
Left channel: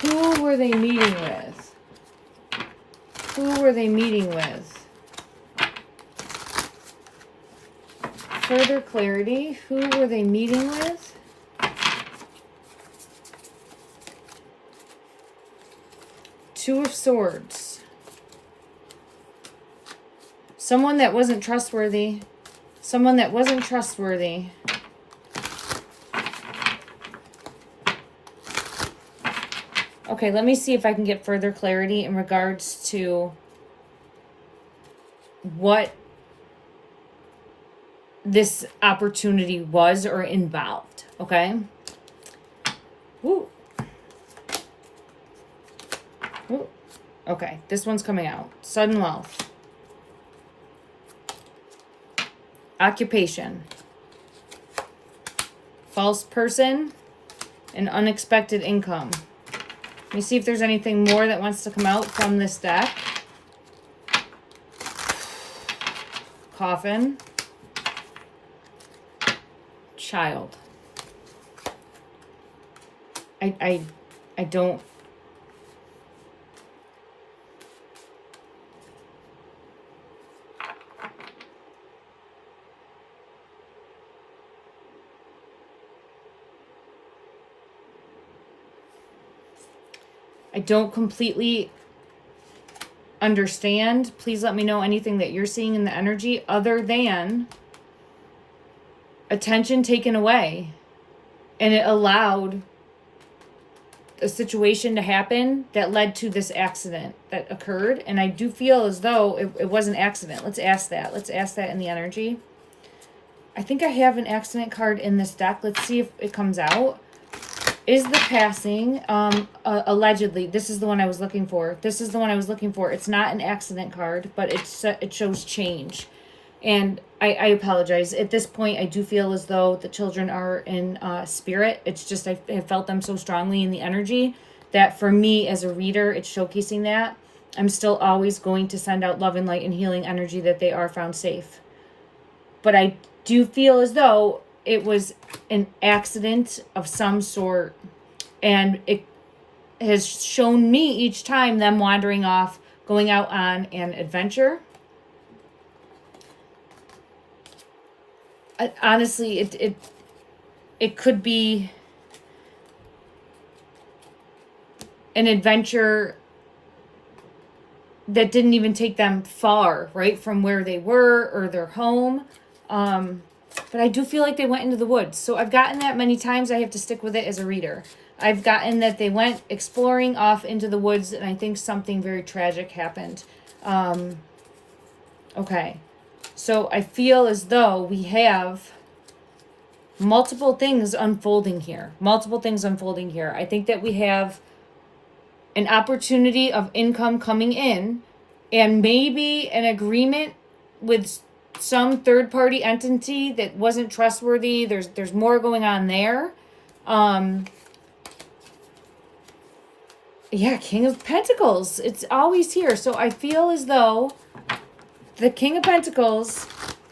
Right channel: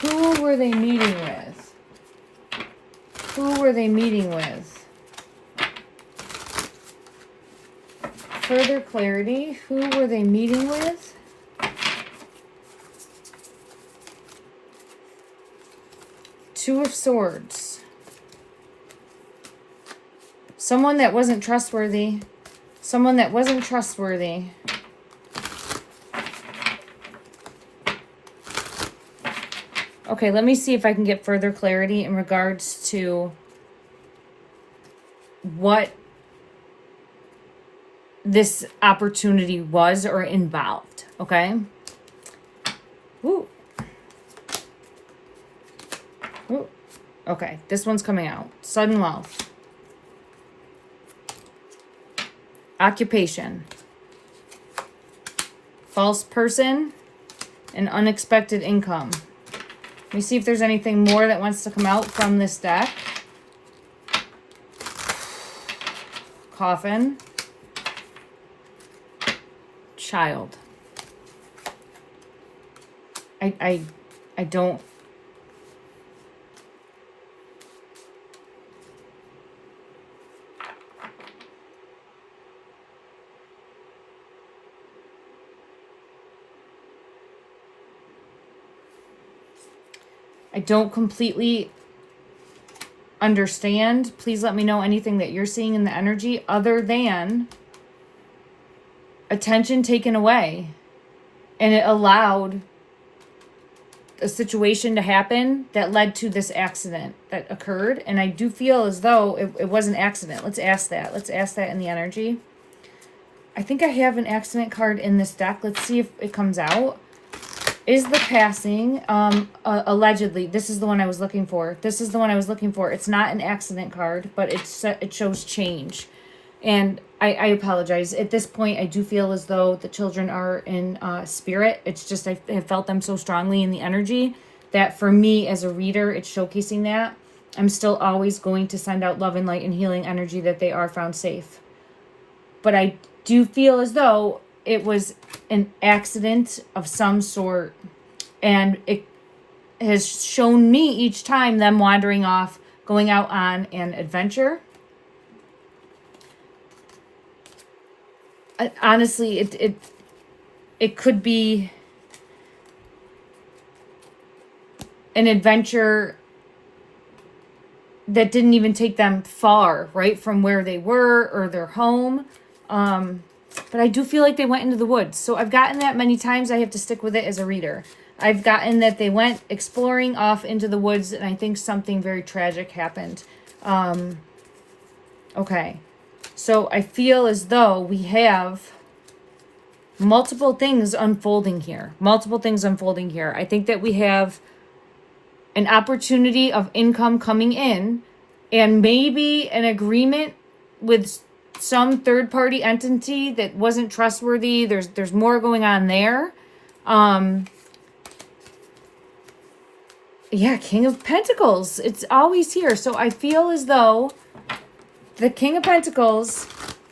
Who were they meeting with? Who were they meeting with? Further clarity. Who were they meeting with? Two of Swords. Someone that wasn't trustworthy. Someone that wasn't trustworthy. Okay, let me see if I can get further clarity in regards to what this opportunity was or involved, okay? Woo. Woo. Okay, this one's coming out. Sudden wealth. Occupation. False person and unexpected income. Let me see if there's anything more that wants to come out from this deck. Coffin. Child. I don't. I don't completely understand. Please let me know anything that you're seeing in the energy other than attention taken away. And it allowed a situation to happen that led to this accident that occurred. And I do feel as though it was an accident. Let's ask that. Let's ask that in the energy. I think I have an accident card in this deck. Let's see if it comes out. Is the passing, allegedly, this is the one I was looking for. This is the one I was looking for. It's not an accident card, but it shows change. And I apologize. At this point, I do feel as though the children are in spirit. It's just I have felt them so strongly in the energy that for me as a reader, it's showcasing that. I'm still always going to send out love and light and healing energy that they are found safe. But I do feel as though it was an accident of some sort. And it has shown me each time them wandering off, going out on an adventure. Honestly, it could be an adventure that didn't even take them far, right, from where they were or their home. But I do feel like they went into the woods. So I've gotten that many times. I have to stick with it as a reader. I've gotten that they went exploring off into the woods, and I think something very tragic happened. Okay. So I feel as though we have multiple things unfolding here. Multiple things unfolding here. I think that we have an opportunity of income coming in and maybe an agreement with some third-party entity that wasn't trustworthy. There's more going on there. Yeah, King of Pentacles. It's always here. So I feel as though the King of Pentacles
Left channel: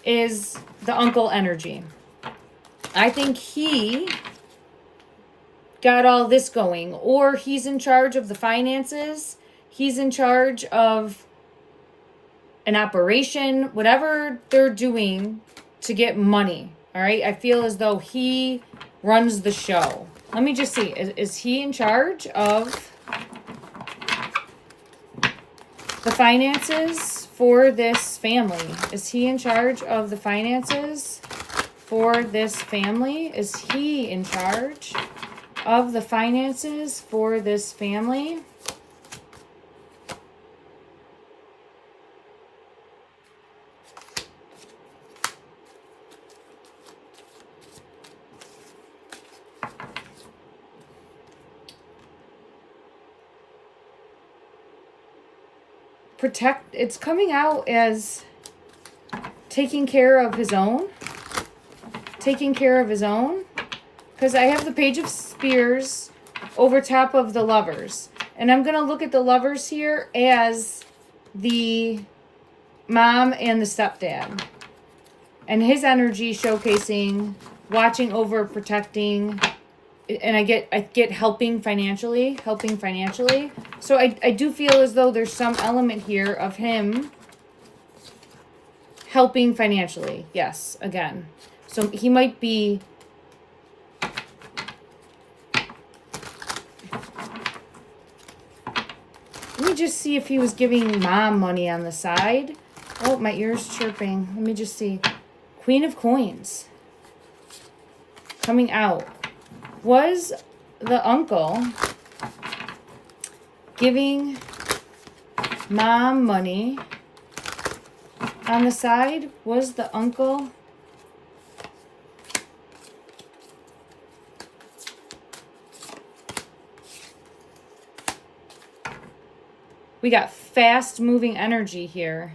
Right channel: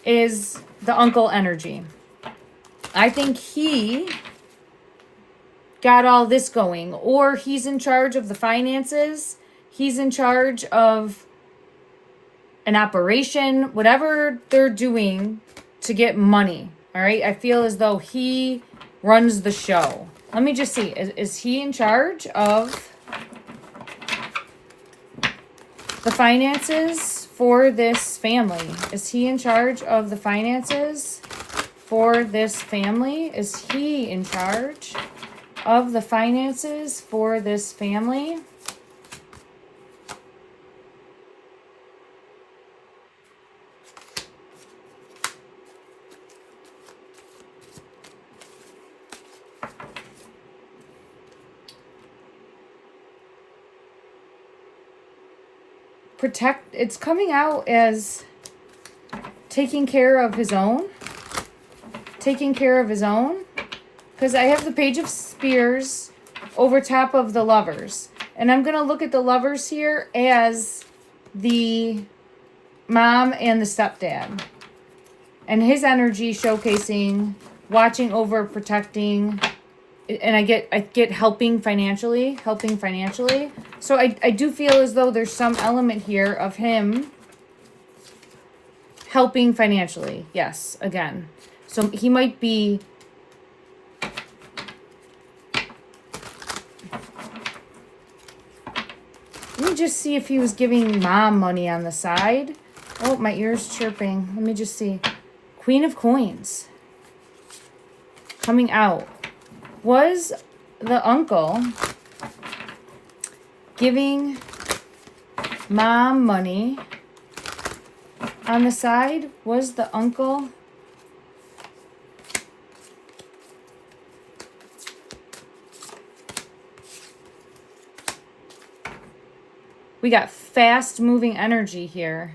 is the uncle energy. I think he got all this going, or he's in charge of the finances. He's in charge of an operation, whatever they're doing to get money. All right. I feel as though he runs the show. Let me just see. Is he in charge of the finances for this family? Is he in charge of the finances for this family? Is he in charge of the finances for this family? It's coming out as taking care of his own. Taking care of his own. Because I have the Page of Spears over top of the Lovers. And I'm going to look at the Lovers here as the mom and the stepdad. And his energy showcasing, watching over, protecting. And I get helping financially. So I do feel as though there's some element here of him helping financially. Yes, again. So he might be... Let me just see if he was giving mom money on the side. Oh, my ear's chirping. Let me just see. Queen of Coins. Coming out. Was the uncle giving mom money on the side? Was the uncle... We got fast moving energy here.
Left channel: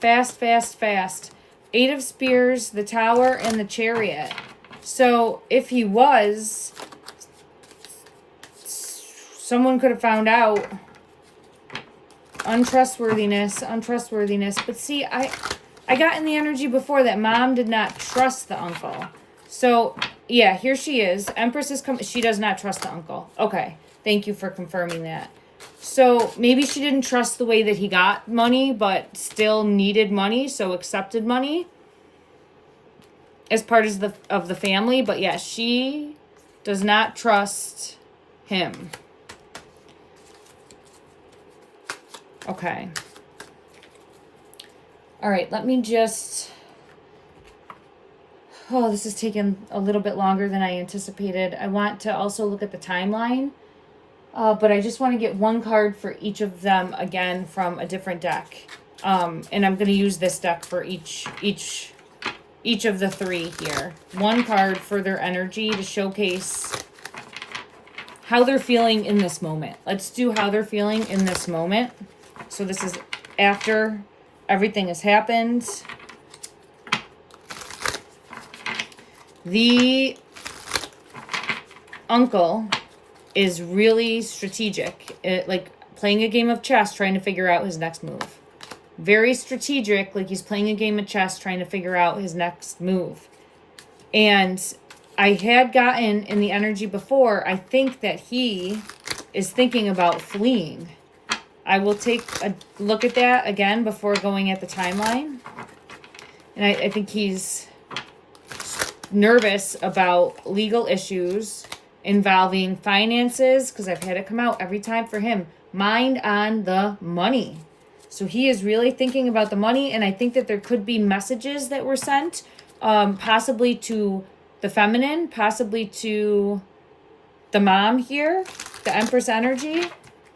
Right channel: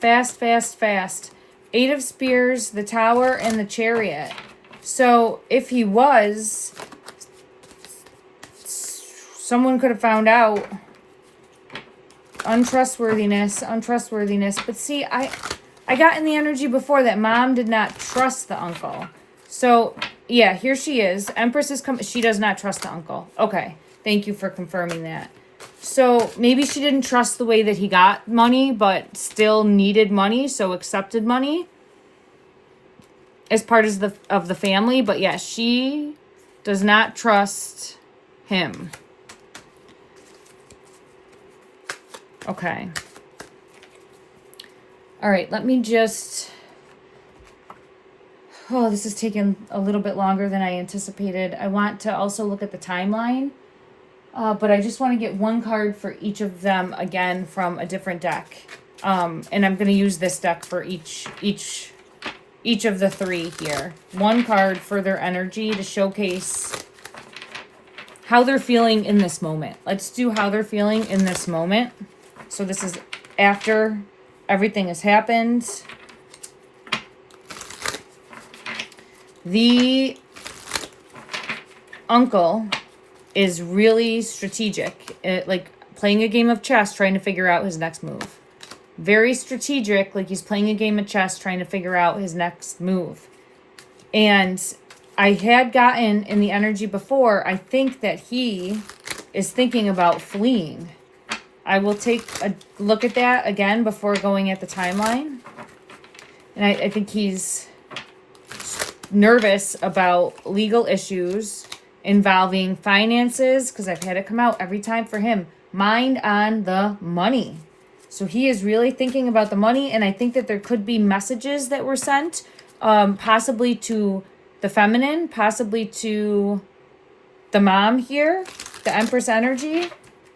Fast. 8 of Spears, the Tower, and the Chariot. So if he was, someone could have found out. Untrustworthiness. But see, I got in the energy before that mom did not trust the uncle. So yeah, here she is. Empress is coming. She does not trust the uncle. Okay. Thank you for confirming that. So maybe she didn't trust the way that he got money, but still needed money, so accepted money as part of the family. But yeah, she does not trust him. Okay. All right, let me just... Oh, this is taking a little bit longer than I anticipated. I want to also look at the timeline, but I just want to get one card for each of them again from a different deck. And I'm going to use this deck for each of the three here. One card for their energy to showcase how they're feeling in this moment. Let's do how they're feeling in this moment. So this is after everything has happened. The uncle is really strategic, like playing a game of chess, trying to figure out his next move. Very strategic, like he's playing a game of chess, trying to figure out his next move. And I had gotten in the energy before, I think that he is thinking about fleeing. I will take a look at that again before going at the timeline. And I think he's nervous about legal issues involving finances, because I've had it come out every time for him. Mind on the money. So he is really thinking about the money, and I think that there could be messages that were sent, possibly to the feminine, possibly to the mom here, the Empress energy.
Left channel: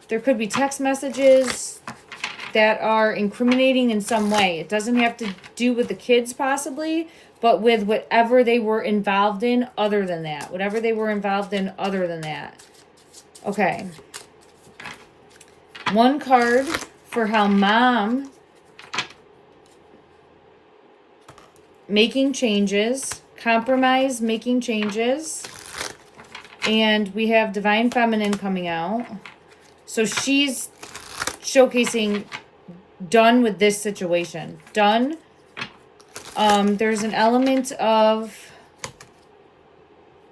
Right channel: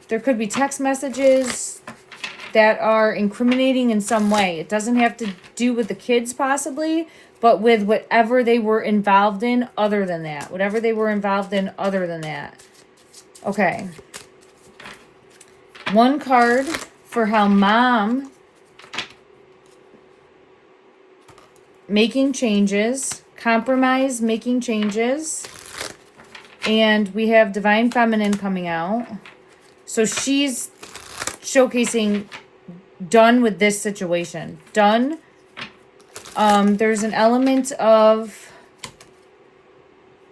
There could be text messages that are incriminating in some way. It doesn't have to do with the kids possibly, but with whatever they were involved in other than that. Whatever they were involved in other than that. Okay. One card for how mom making changes, compromise, making changes. And we have Divine Feminine coming out. So she's showcasing done with this situation. Done. There's an element of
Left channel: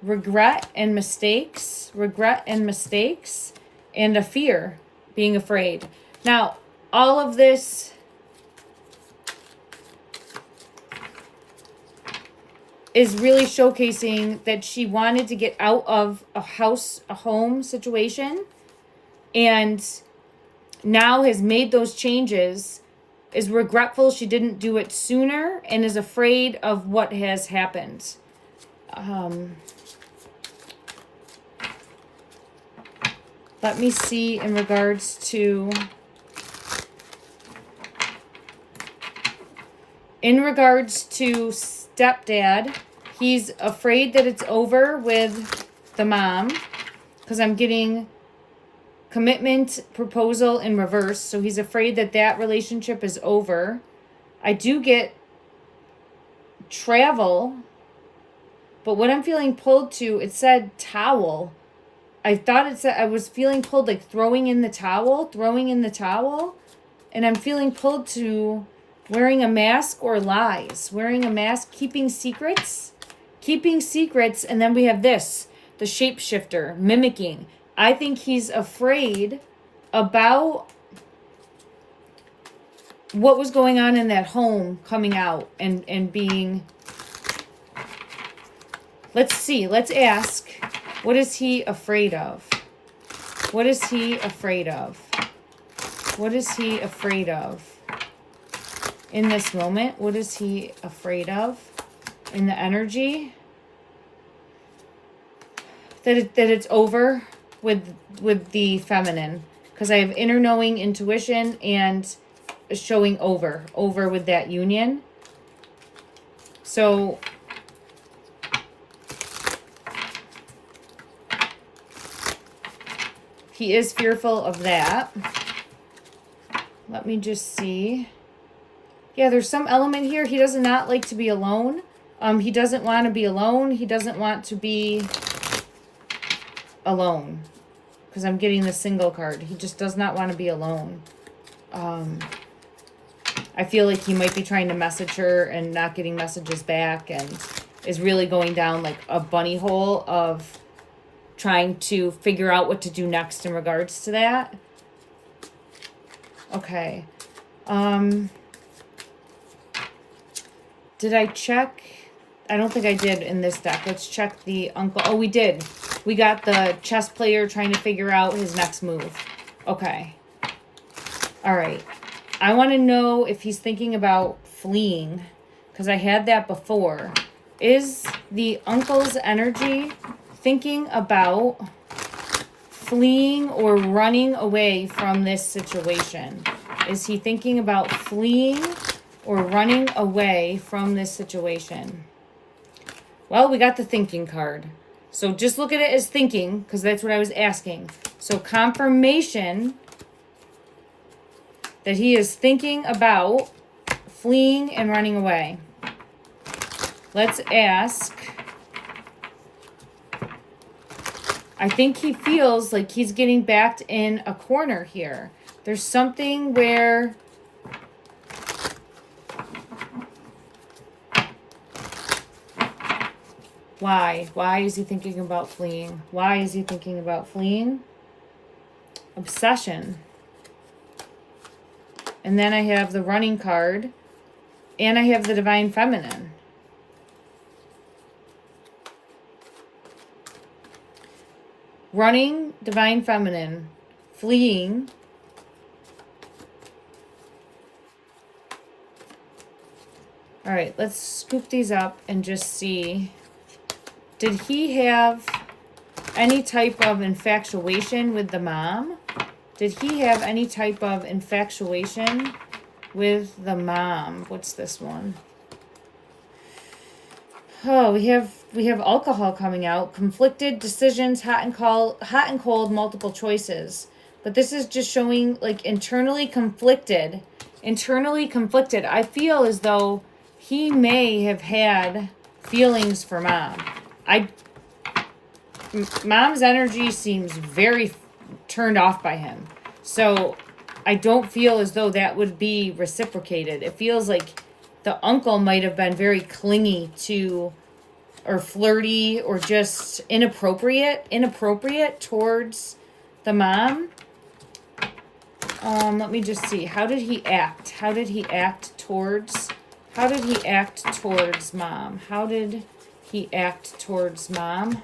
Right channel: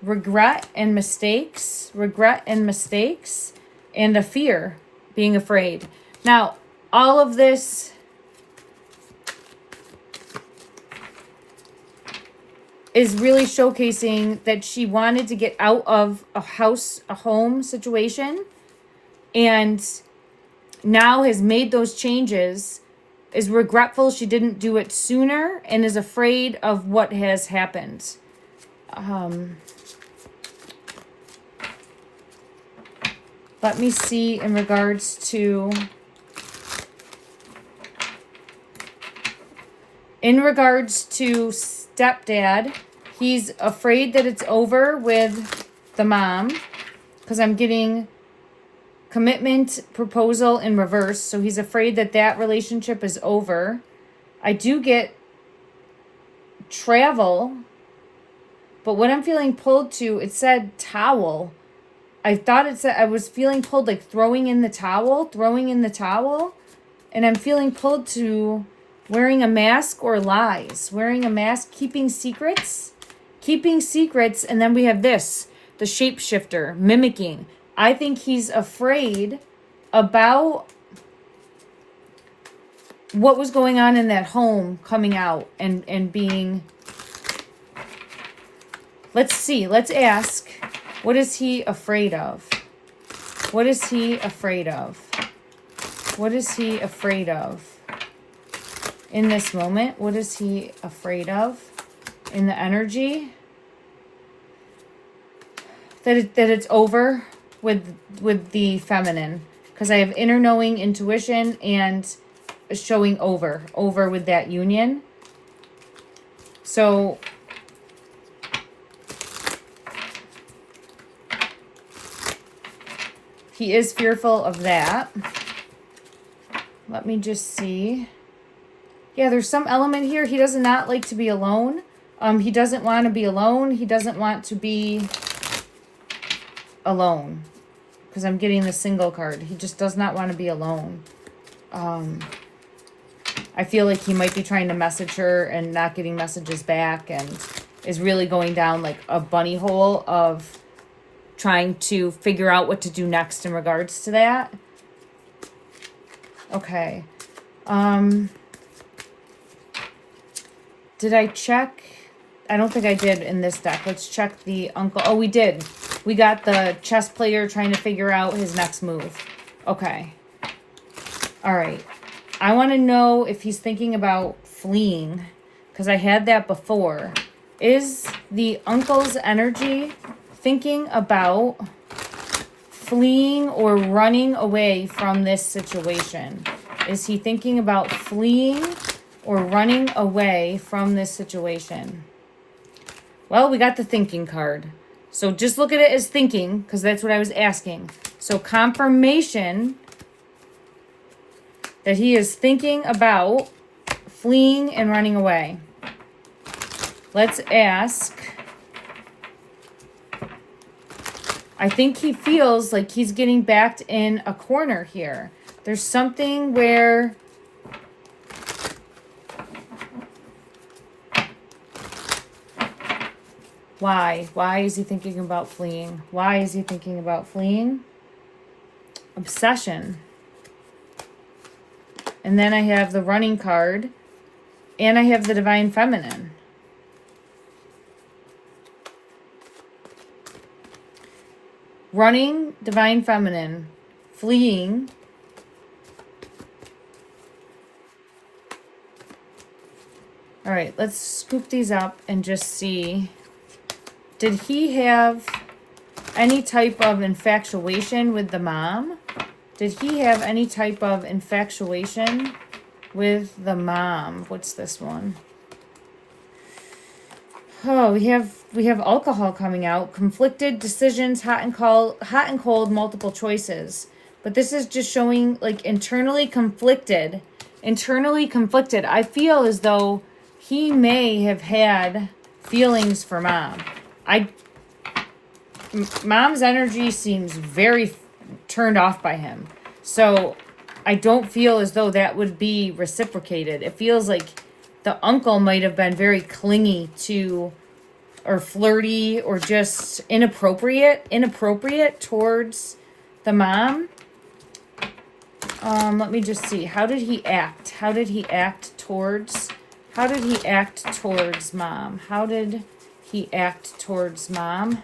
regret and mistakes, and a fear, being afraid. Now, all of this is really showcasing that she wanted to get out of a home situation, and now has made those changes, is regretful she didn't do it sooner, and is afraid of what has happened. Let me see in regards to... In regards to stepdad, he's afraid that it's over with the mom, because I'm getting commitment, proposal in reverse. So he's afraid that that relationship is over. I do get travel, but what I'm feeling pulled to, it said towel. I thought it said, I was feeling pulled like throwing in the towel, and I'm feeling pulled to wearing a mask or lies, wearing a mask, keeping secrets, and then we have this, the shapeshifter, mimicking. I think he's afraid about what was going on in that home coming out and being... Let's see, let's ask, what is he afraid of? What is he afraid of? What is he afraid of? In this moment, what is he afraid of? In the energy? That it's over with the feminine. Because I have inner knowing, intuition, and showing over with that union. So he is fearful of that. Let me just see. Yeah, there's some element here. He does not like to be alone. He doesn't want to be alone. He doesn't want to be alone. Because I'm getting the single card. He just does not want to be alone. I feel like he might be trying to message her and not getting messages back, and is really going down like a bunny hole of trying to figure out what to do next in regards to that. Okay. Did I check? I don't think I did in this deck. Let's check the uncle. Oh, we did. We got the chess player trying to figure out his next move. Okay. All right. I want to know if he's thinking about fleeing, because I had that before. Is the uncle's energy thinking about fleeing or running away from this situation? Is he thinking about fleeing or running away from this situation? Well, we got the thinking card. So just look at it as thinking, because that's what I was asking. So confirmation that he is thinking about fleeing and running away. Let's ask. I think he feels like he's getting backed in a corner here. There's something where why? Why is he thinking about fleeing? Why is he thinking about fleeing? Obsession. And then I have the running card. And I have the divine feminine. Running, divine feminine. Fleeing. All right, let's scoop these up and just see. Did he have any type of infatuation with the mom? Did he have any type of infatuation with the mom? What's this one? Oh, we have alcohol coming out. Conflicted decisions, hot and cold, multiple choices. But this is just showing like internally conflicted. Internally conflicted. I feel as though he may have had feelings for mom. Mom's energy seems very turned off by him. So I don't feel as though that would be reciprocated. It feels like the uncle might have been very clingy to, or flirty, or just inappropriate towards the mom. Let me just see. How did he act? How did he act towards mom? How did he act towards mom?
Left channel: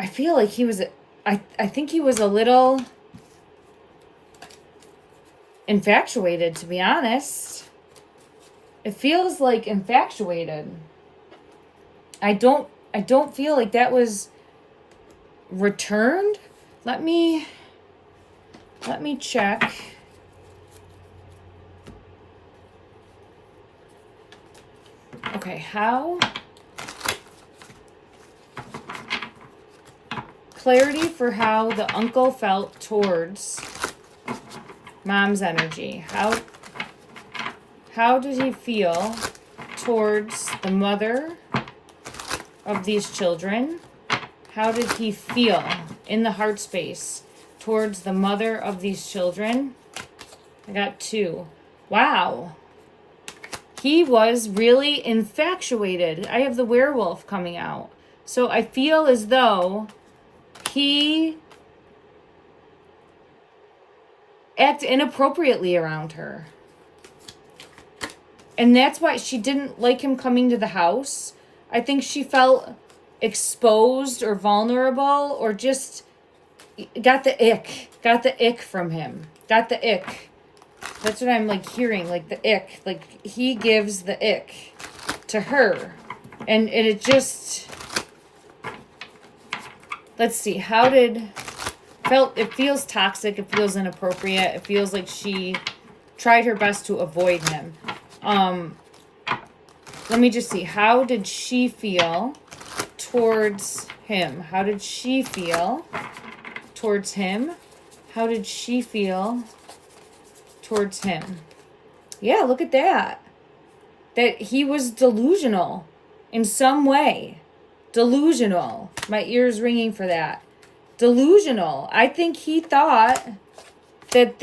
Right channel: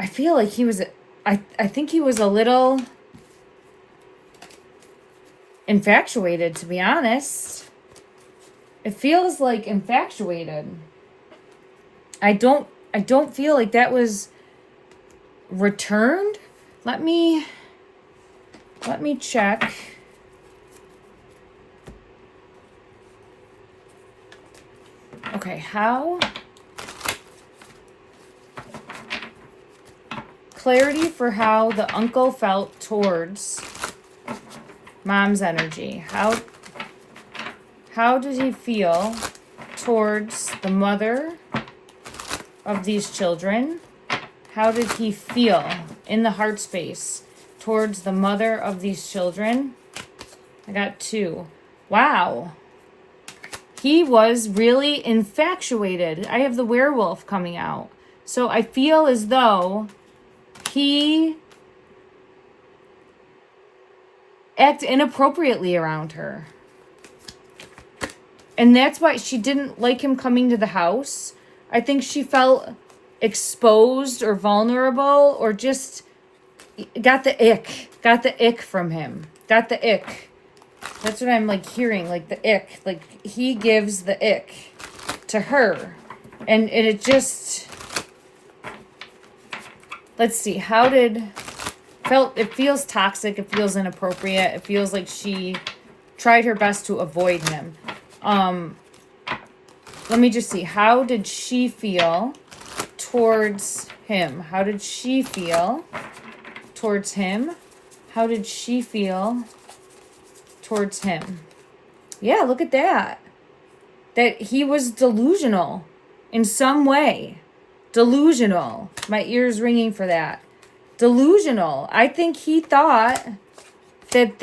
I feel like he was, I think he was a little infatuated, to be honest. It feels like infatuated. I don't feel like that was returned. Let me check. Okay, how? Clarity for how the uncle felt towards mom's energy. How did he feel towards the mother of these children? How did he feel in the heart space towards the mother of these children? I got 2. Wow. He was really infatuated. I have the werewolf coming out. So I feel as though he acted inappropriately around her. And that's why she didn't like him coming to the house. I think she felt exposed or vulnerable, or just got the ick from him. Got the ick. That's what I'm like hearing, like the ick. Like he gives the ick to her. And it just, let's see, it feels toxic, it feels inappropriate, it feels like she tried her best to avoid him. Let me just see, how did she feel towards him? How did she feel towards him? How did she feel towards him? Yeah, look at that. That he was delusional in some way. Delusional. My ears ringing for that. Delusional. I think he thought that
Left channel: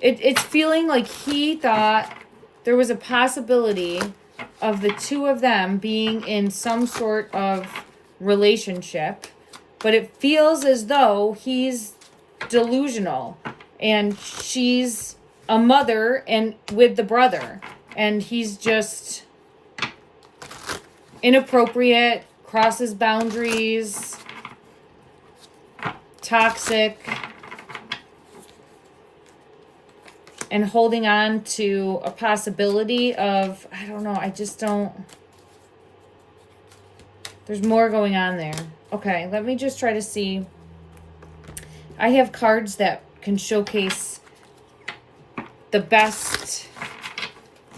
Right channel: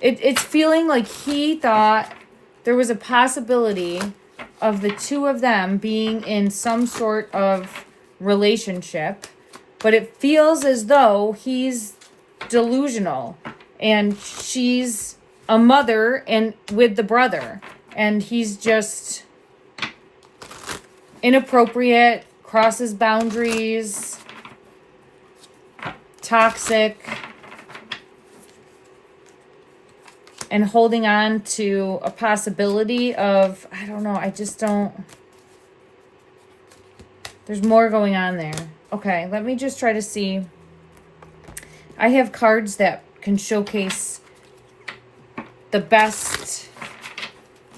it's feeling like he thought there was a possibility of the two of them being in some sort of relationship, but it feels as though he's delusional and she's a mother and with the brother, and he's just inappropriate, crosses boundaries, toxic, and holding on to a possibility of, I don't know, I just don't, there's more going on there. Okay, let me just try to see. I have cards that can showcase the best,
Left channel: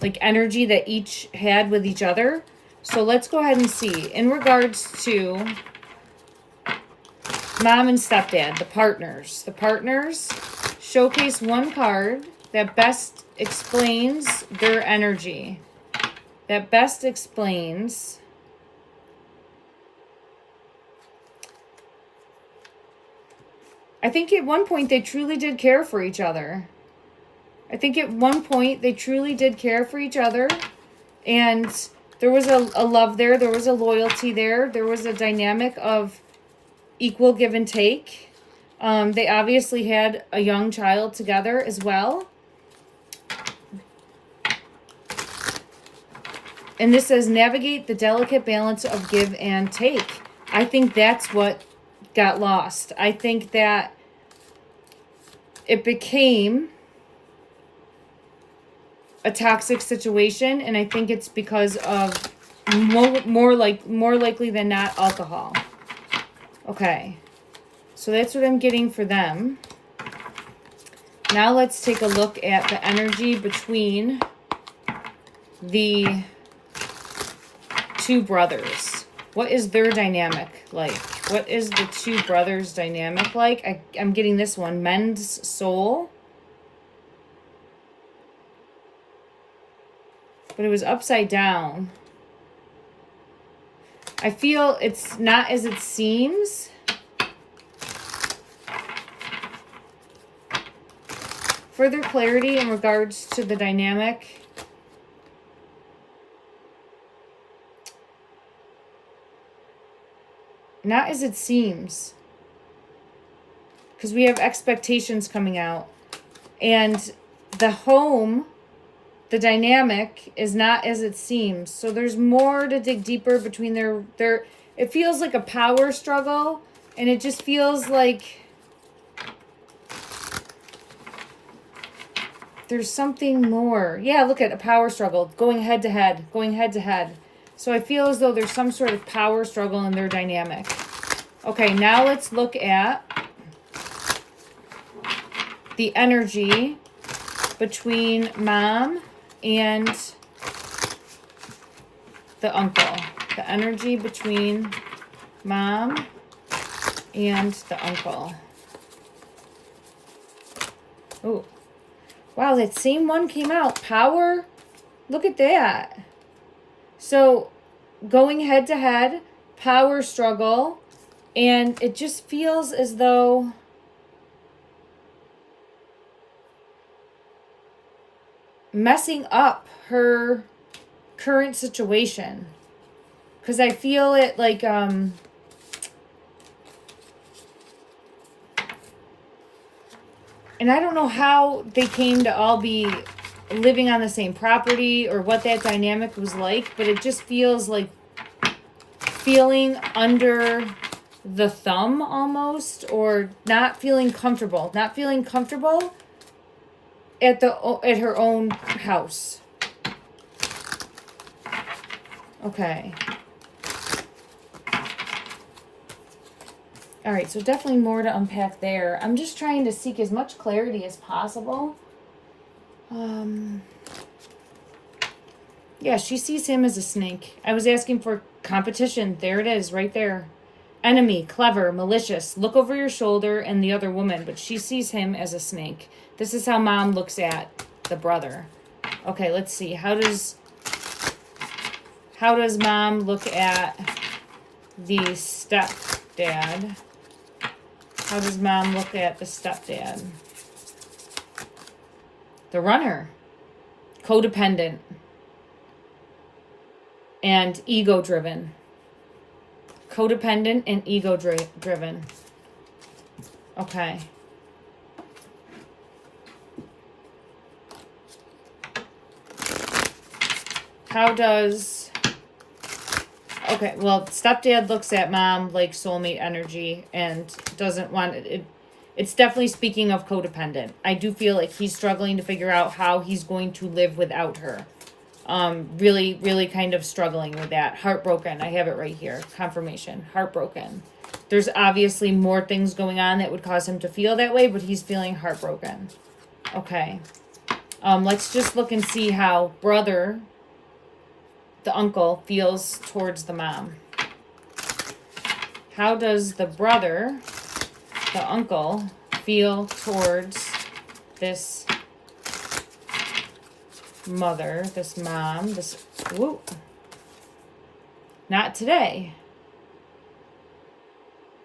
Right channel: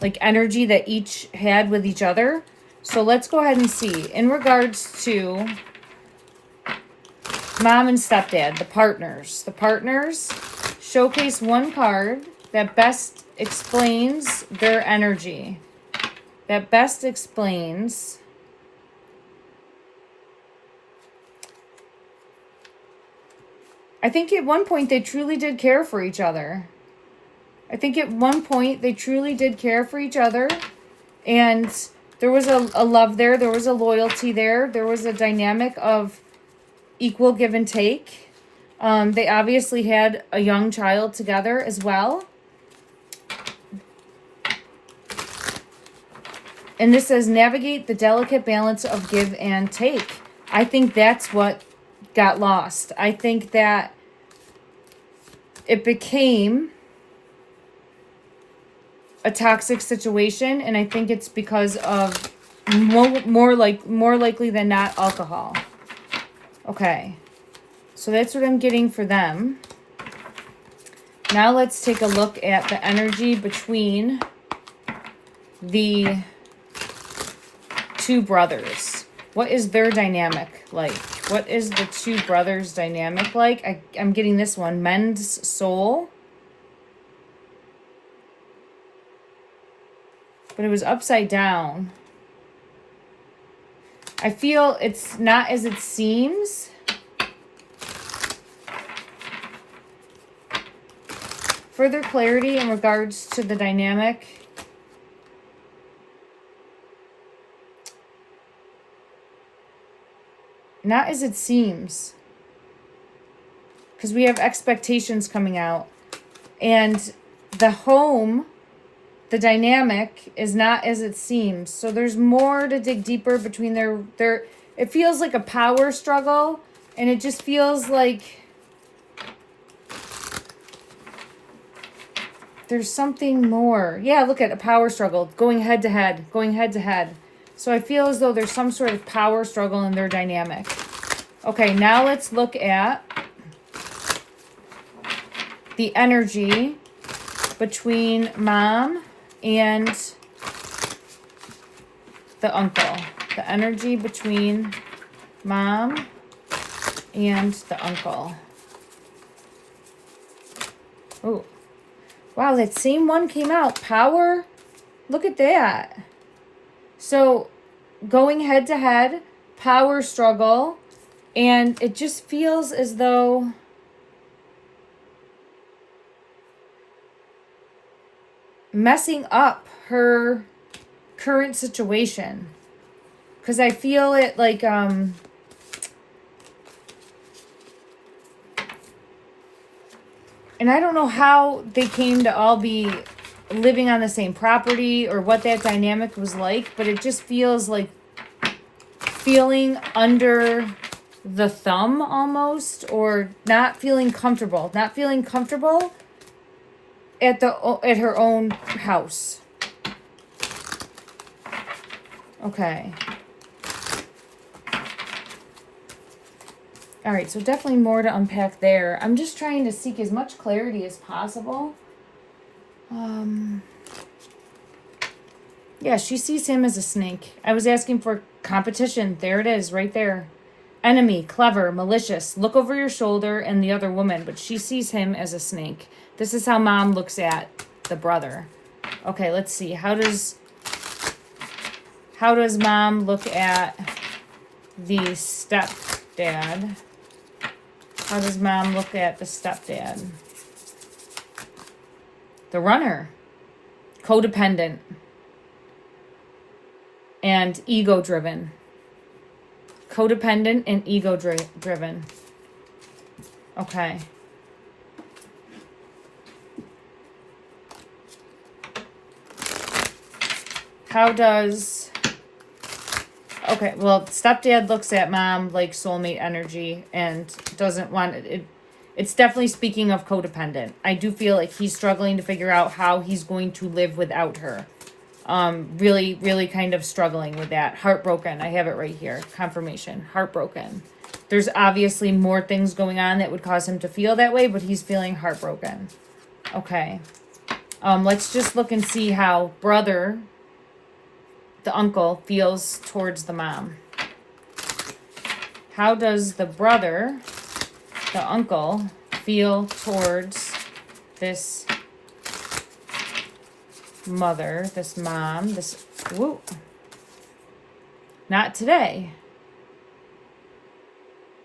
like, energy that each had with each other. So let's go ahead and see. In regards to mom and stepdad, the partners showcase one card that best explains their energy. That best explains I think at one point they truly did care for each other. I think at one point they truly did care for each other. And there was a love there. There was a loyalty there. There was a dynamic of equal give and take. They obviously had a young child together as well. And this says, navigate the delicate balance of give and take. I think that's what got lost. I think that it became a toxic situation, and I think it's because of more likely than not alcohol. Okay, so that's what I'm getting for them. Now let's take a look at the energy between the two brothers. What is their dynamic like? What is the two brothers' dynamic like? I'm getting this one, mend's soul. But it was upside down. I feel it's not as it seems. Further clarity in regards to the dynamic. Not as it seems. Because we have expectations coming out. And the home, the dynamic, is not as it seems. So there's more to dig deeper between their it feels like a power struggle. And it just feels like there's something more. Yeah, look at a power struggle. Going head to head. Going head to head. So I feel as though there's some sort of power struggle in their dynamic. Okay, now let's look at the energy between mom and the uncle. The energy between mom and the uncle. Oh, wow, that same one came out. Power. Look at that. So, going head to head, power struggle, and it just feels as though messing up her current situation. Because I feel it like, and I don't know how they came to all be living on the same property or what that dynamic was like, but it just feels like feeling under the thumb almost, or not feeling comfortable at her own house. Okay. All right, so definitely more to unpack there. I'm just trying to seek as much clarity as possible. Yeah, she sees him as a snake. I was asking for competition. There it is, right there. Enemy, clever, malicious, look over your shoulder, and the other woman, but she sees him as a snake. This is how mom looks at the brother. Okay, let's see. How does mom look at the stepdad? How does mom look at the stepdad? The runner. Codependent. And ego-driven. Codependent and ego-driven. Okay. How does Okay, well, stepdad looks at mom like soulmate energy and doesn't want it. It's definitely speaking of codependent. I do feel like he's struggling to figure out how he's going to live without her. Really, really kind of struggling with that. Heartbroken. I have it right here. Confirmation. Heartbroken. There's obviously more things going on that would cause him to feel that way, but he's feeling heartbroken. Okay. Let's just look and see how brother, the uncle, feels towards the mom. How does the brother, the uncle, feel towards this mother, this mom, this, whoop. Not today.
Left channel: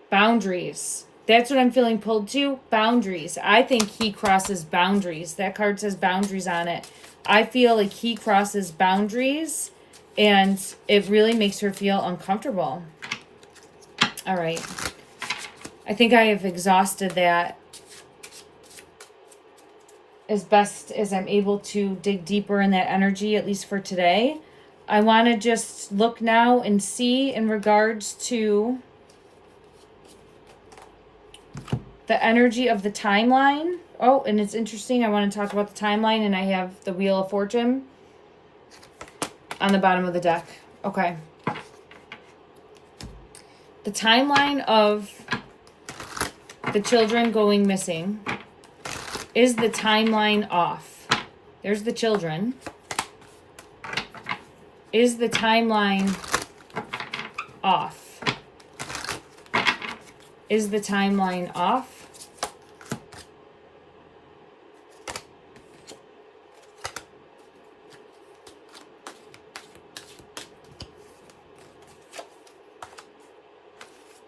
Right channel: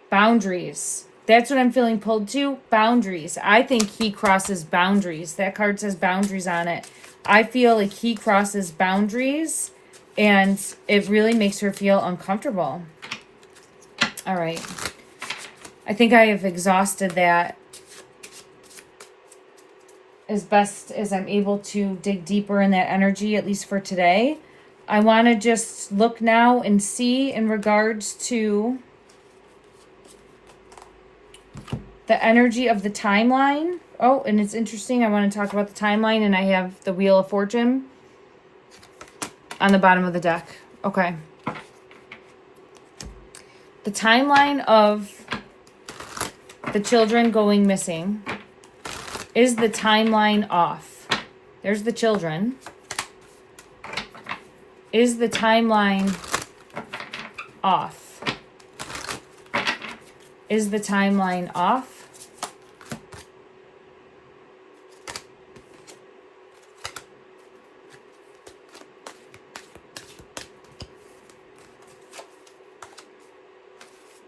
Boundaries. That's what I'm feeling pulled to. Boundaries. I think he crosses boundaries. That card says boundaries on it. I feel like he crosses boundaries and it really makes her feel uncomfortable. All right. I think I have exhausted that as best as I'm able to dig deeper in that energy, at least for today. I want to just look now and see in regards to the energy of the timeline. Oh, and it's interesting. I want to talk about the timeline, and I have the Wheel of Fortune on the bottom of the deck. Okay. The timeline of the children going missing. Is the timeline off? There's the children. Is the timeline off? Is the timeline off?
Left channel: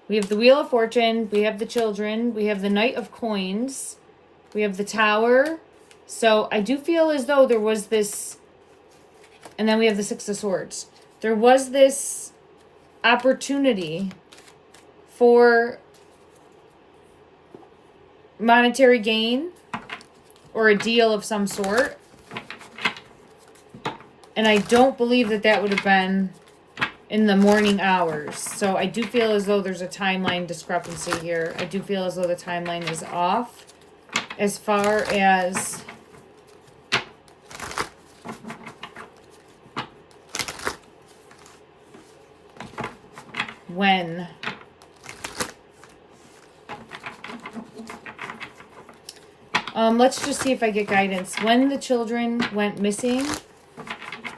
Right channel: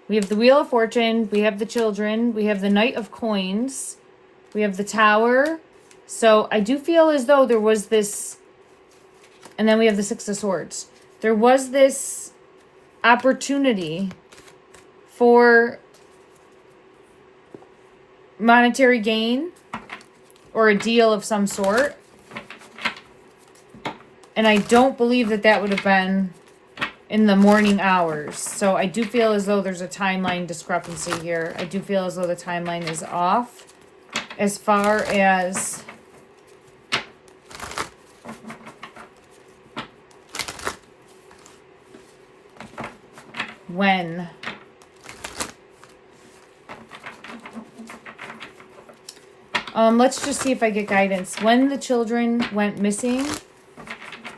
We have the Wheel of Fortune. We have the children. We have the Knight of Coins. We have the Tower. So I do feel as though there was this, and then we have the Six of Swords. There was this opportunity for monetary gain or a deal of some sort. And I don't believe that that would have been in the morning hours. So I do feel as though there's a timeline discrepancy here. I do feel as though the timeline is off. As far as when let's just see if I get guidance. When the children went missing,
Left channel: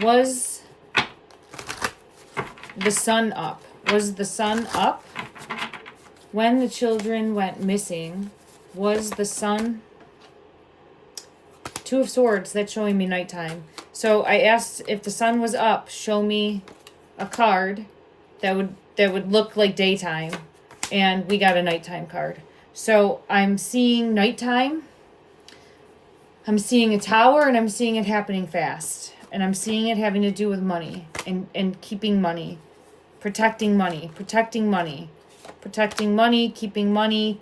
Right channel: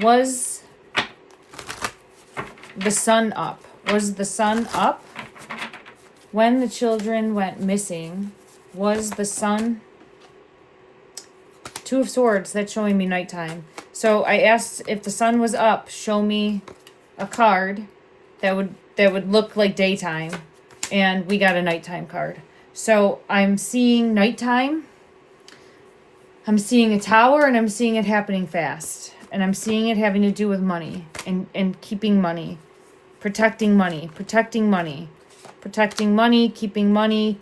was the sun up? Was the sun up? When the children went missing, was the sun? Two of Swords, that's showing me nighttime. So I asked if the sun was up, show me a card that would look like daytime, and we got a nighttime card. So I'm seeing nighttime. I'm seeing a tower, and I'm seeing it happening fast. And I'm seeing it having to do with money and keeping money, protecting money, protecting money, protecting money, keeping money.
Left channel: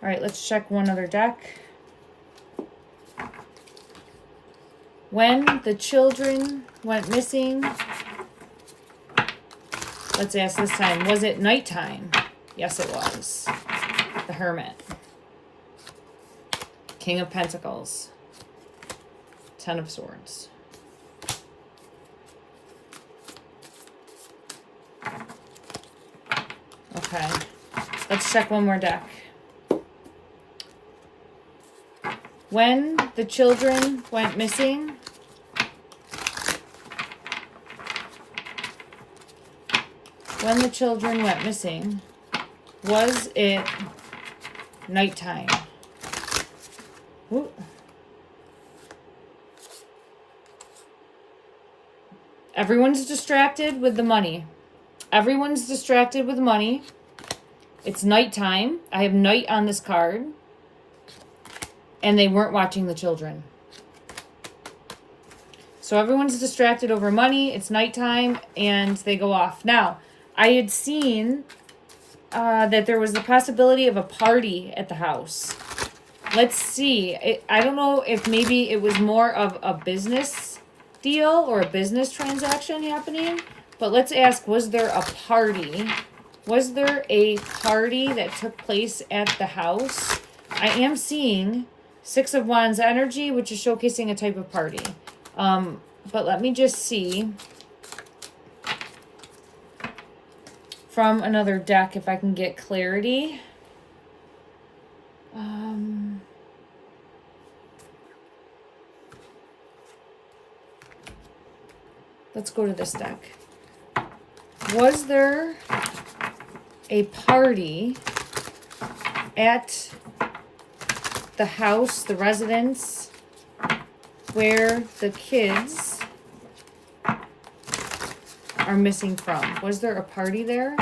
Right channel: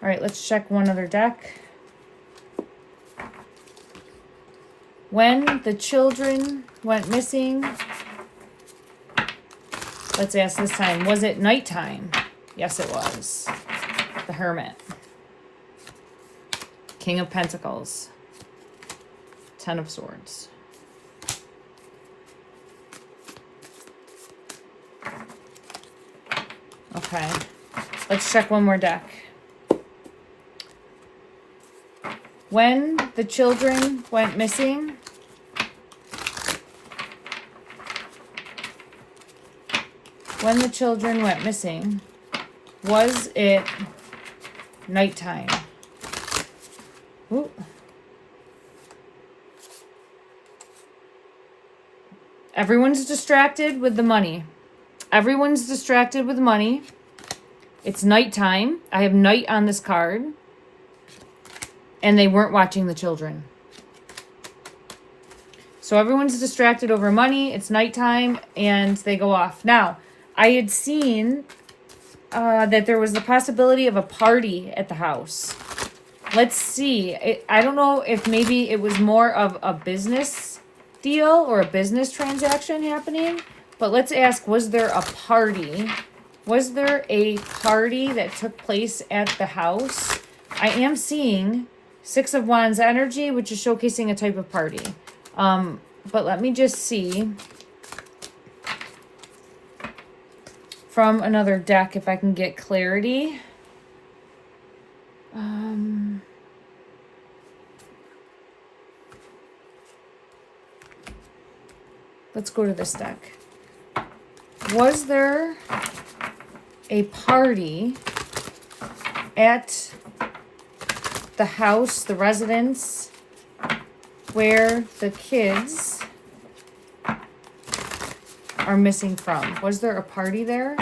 All right, let's check one other deck. When the children went missing, let's ask this time, was it nighttime? Yes, it was. The Hermit. King of Pentacles. Ten of Swords. Okay, let's check one more deck. When the children went missing, when the children went missing, was it nighttime? Ooh. Everyone's distracted with the money. Everyone's distracted with money. It's nighttime. I have night on this card. And they weren't watching the children. So everyone's distracted over money. It's nighttime, and they go off. Now, I had seen that there was the possibility of a party at the house. Let's see. I don't know if maybe it was more of a business deal or a business transaction happening. But let's ask, was there a party? Was there a party that took place at the house? I am seeing Six of Wands energy, which is showcasing a type of party. But let me just see from another deck if I can get clarity. Let's go to this deck. Was there a party at the house, the residence, where the kids are missing from? Was there a party there?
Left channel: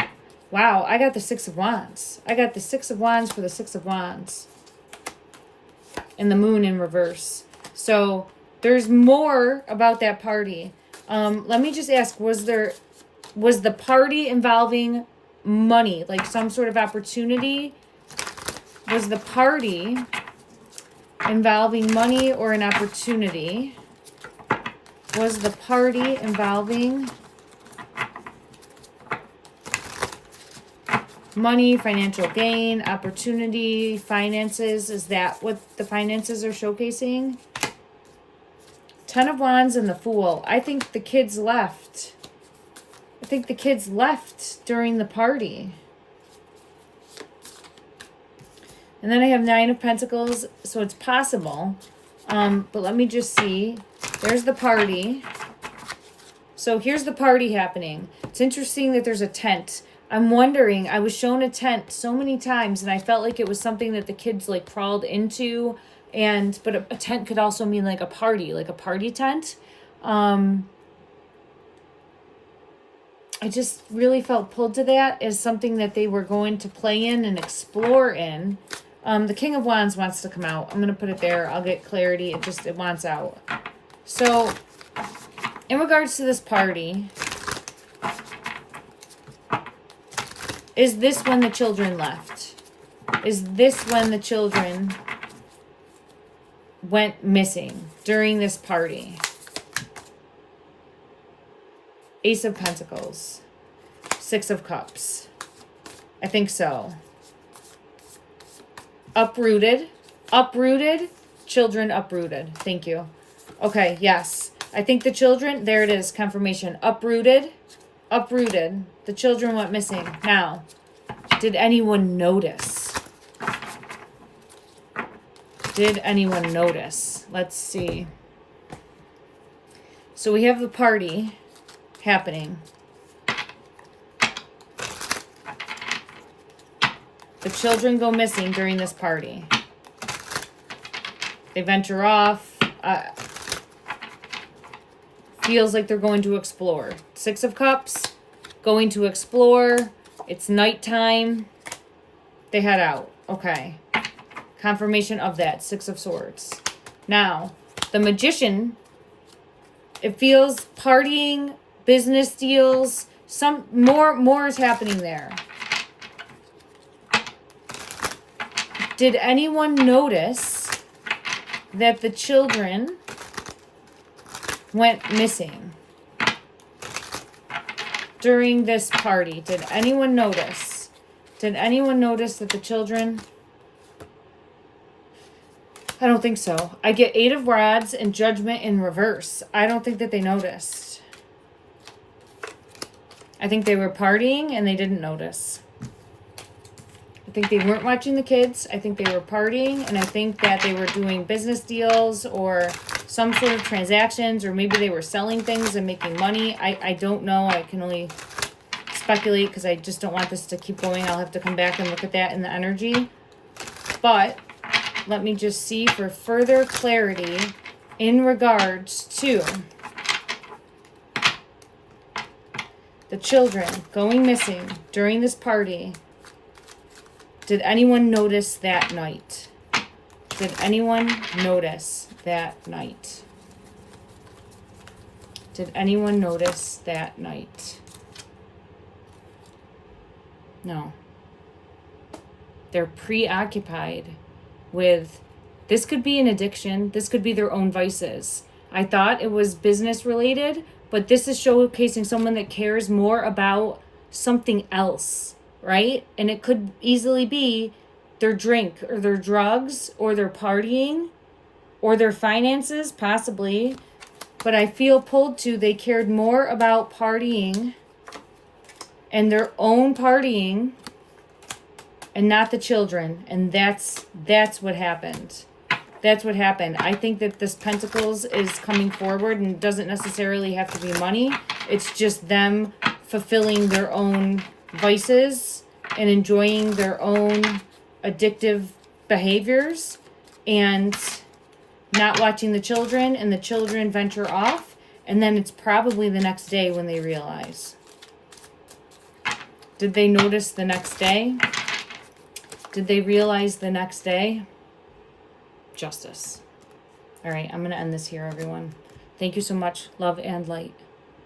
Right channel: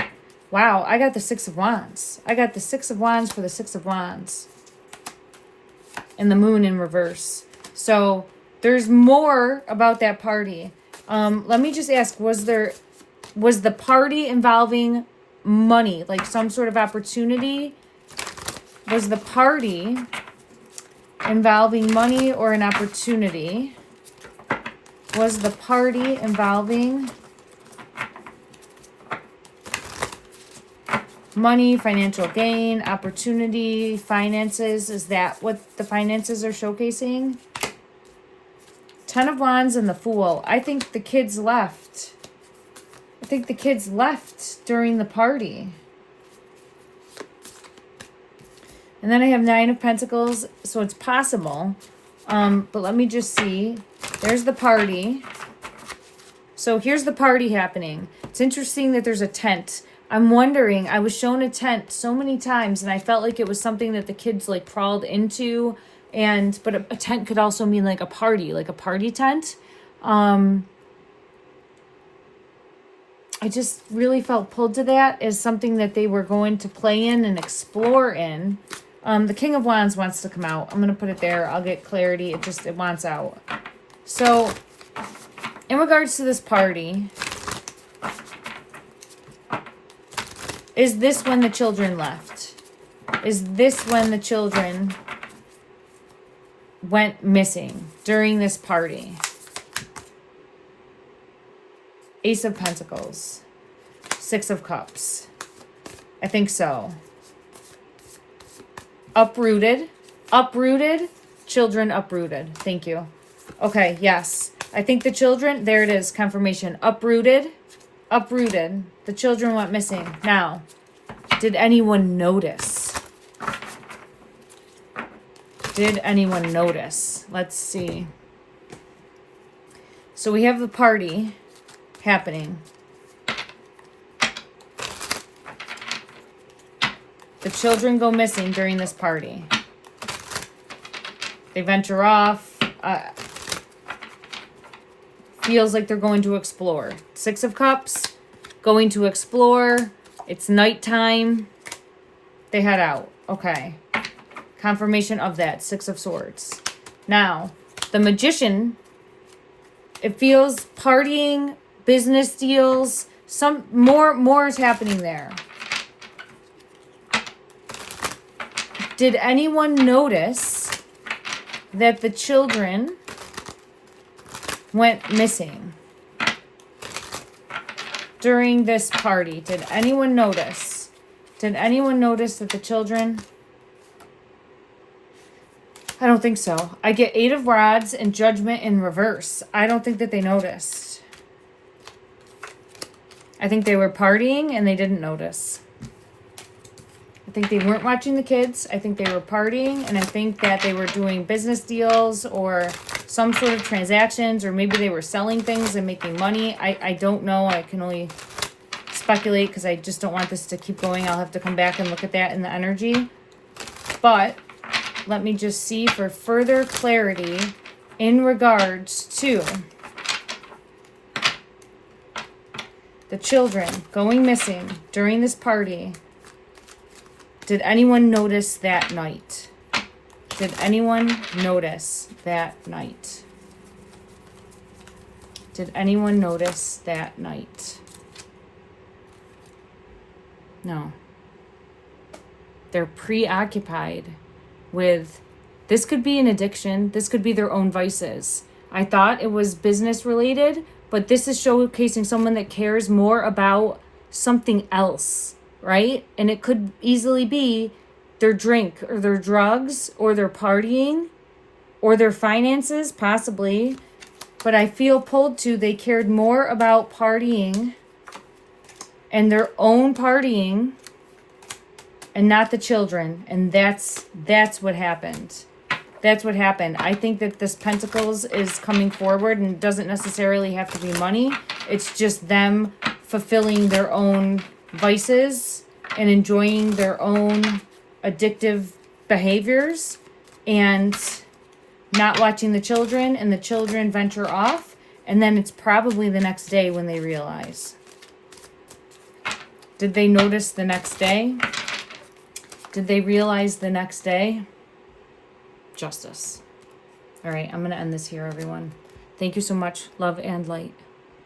Wow, I got the Six of Wands. I got the Six of Wands for the Six of Wands. And the Moon in reverse. So there's more about that party. Let me just ask, was the party involving money, like some sort of opportunity? Was the party involving money or an opportunity? Was the party involving money, financial gain, opportunity, finances? Is that what the finances are showcasing? Ten of Wands and the Fool. I think the kids left. I think the kids left during the party. And then I have Nine of Pentacles, so it's possible. But let me just see. There's the party. So here's the party happening. It's interesting that there's a tent. I'm wondering, I was shown a tent so many times, and I felt like it was something that the kids like crawled into. But a tent could also mean like a party tent. I just really felt pulled to that as something that they were going to play in and explore in. The King of Wands wants to come out. I'm going to put it there. I'll get clarity. It wants out. So in regards to this party, is this when the children left? Is this when the children went missing during this party? Ace of Pentacles. Six of Cups. I think so. Uprooted. Uprooted. Children uprooted. Thank you. Okay, yes. I think the children, there it is, confirmation. Uprooted. Uprooted. The children went missing. Now, did anyone notice? Did anyone notice? Let's see. So we have the party happening. The children go missing during this party. They venture off. Feels like they're going to explore. Six of Cups, going to explore. It's nighttime. They head out. Okay. Confirmation of that. Six of Swords. Now, the Magician, it feels partying, business deals, some more is happening there. Did anyone notice that the children went missing during this party? Did anyone notice? Did anyone notice that the children... I don't think so. I get Eight of Rods and Judgment in reverse. I don't think that they noticed. I think they were partying and they didn't notice. I think they weren't watching the kids. I think they were partying, and I think that they were doing business deals or some sort of transactions, or maybe they were selling things and making money. I don't know. I can only speculate because I just don't want this to keep going. I'll have to come back and look at that in the energy. But let me just see for further clarity in regards to the children going missing during this party. Did anyone notice that night? Did anyone notice that night? Did anyone notice that night? No. They're preoccupied with, this could be an addiction. This could be their own vices. I thought it was business related, but this is showcasing someone that cares more about something else, right? And it could easily be their drink or their drugs or their partying or their finances, possibly. But I feel pulled to they cared more about partying and their own partying and not the children. And that's what happened. That's what happened. I think that this Pentacles is coming forward and doesn't necessarily have to be money. It's just them fulfilling their own vices and enjoying their own addictive behaviors and not watching the children, and the children venture off, and then it's probably the next day when they realize. Did they notice the next day? Did they realize the next day? Justice. All right, I'm going to end this here, everyone. Thank you so much. Love and light.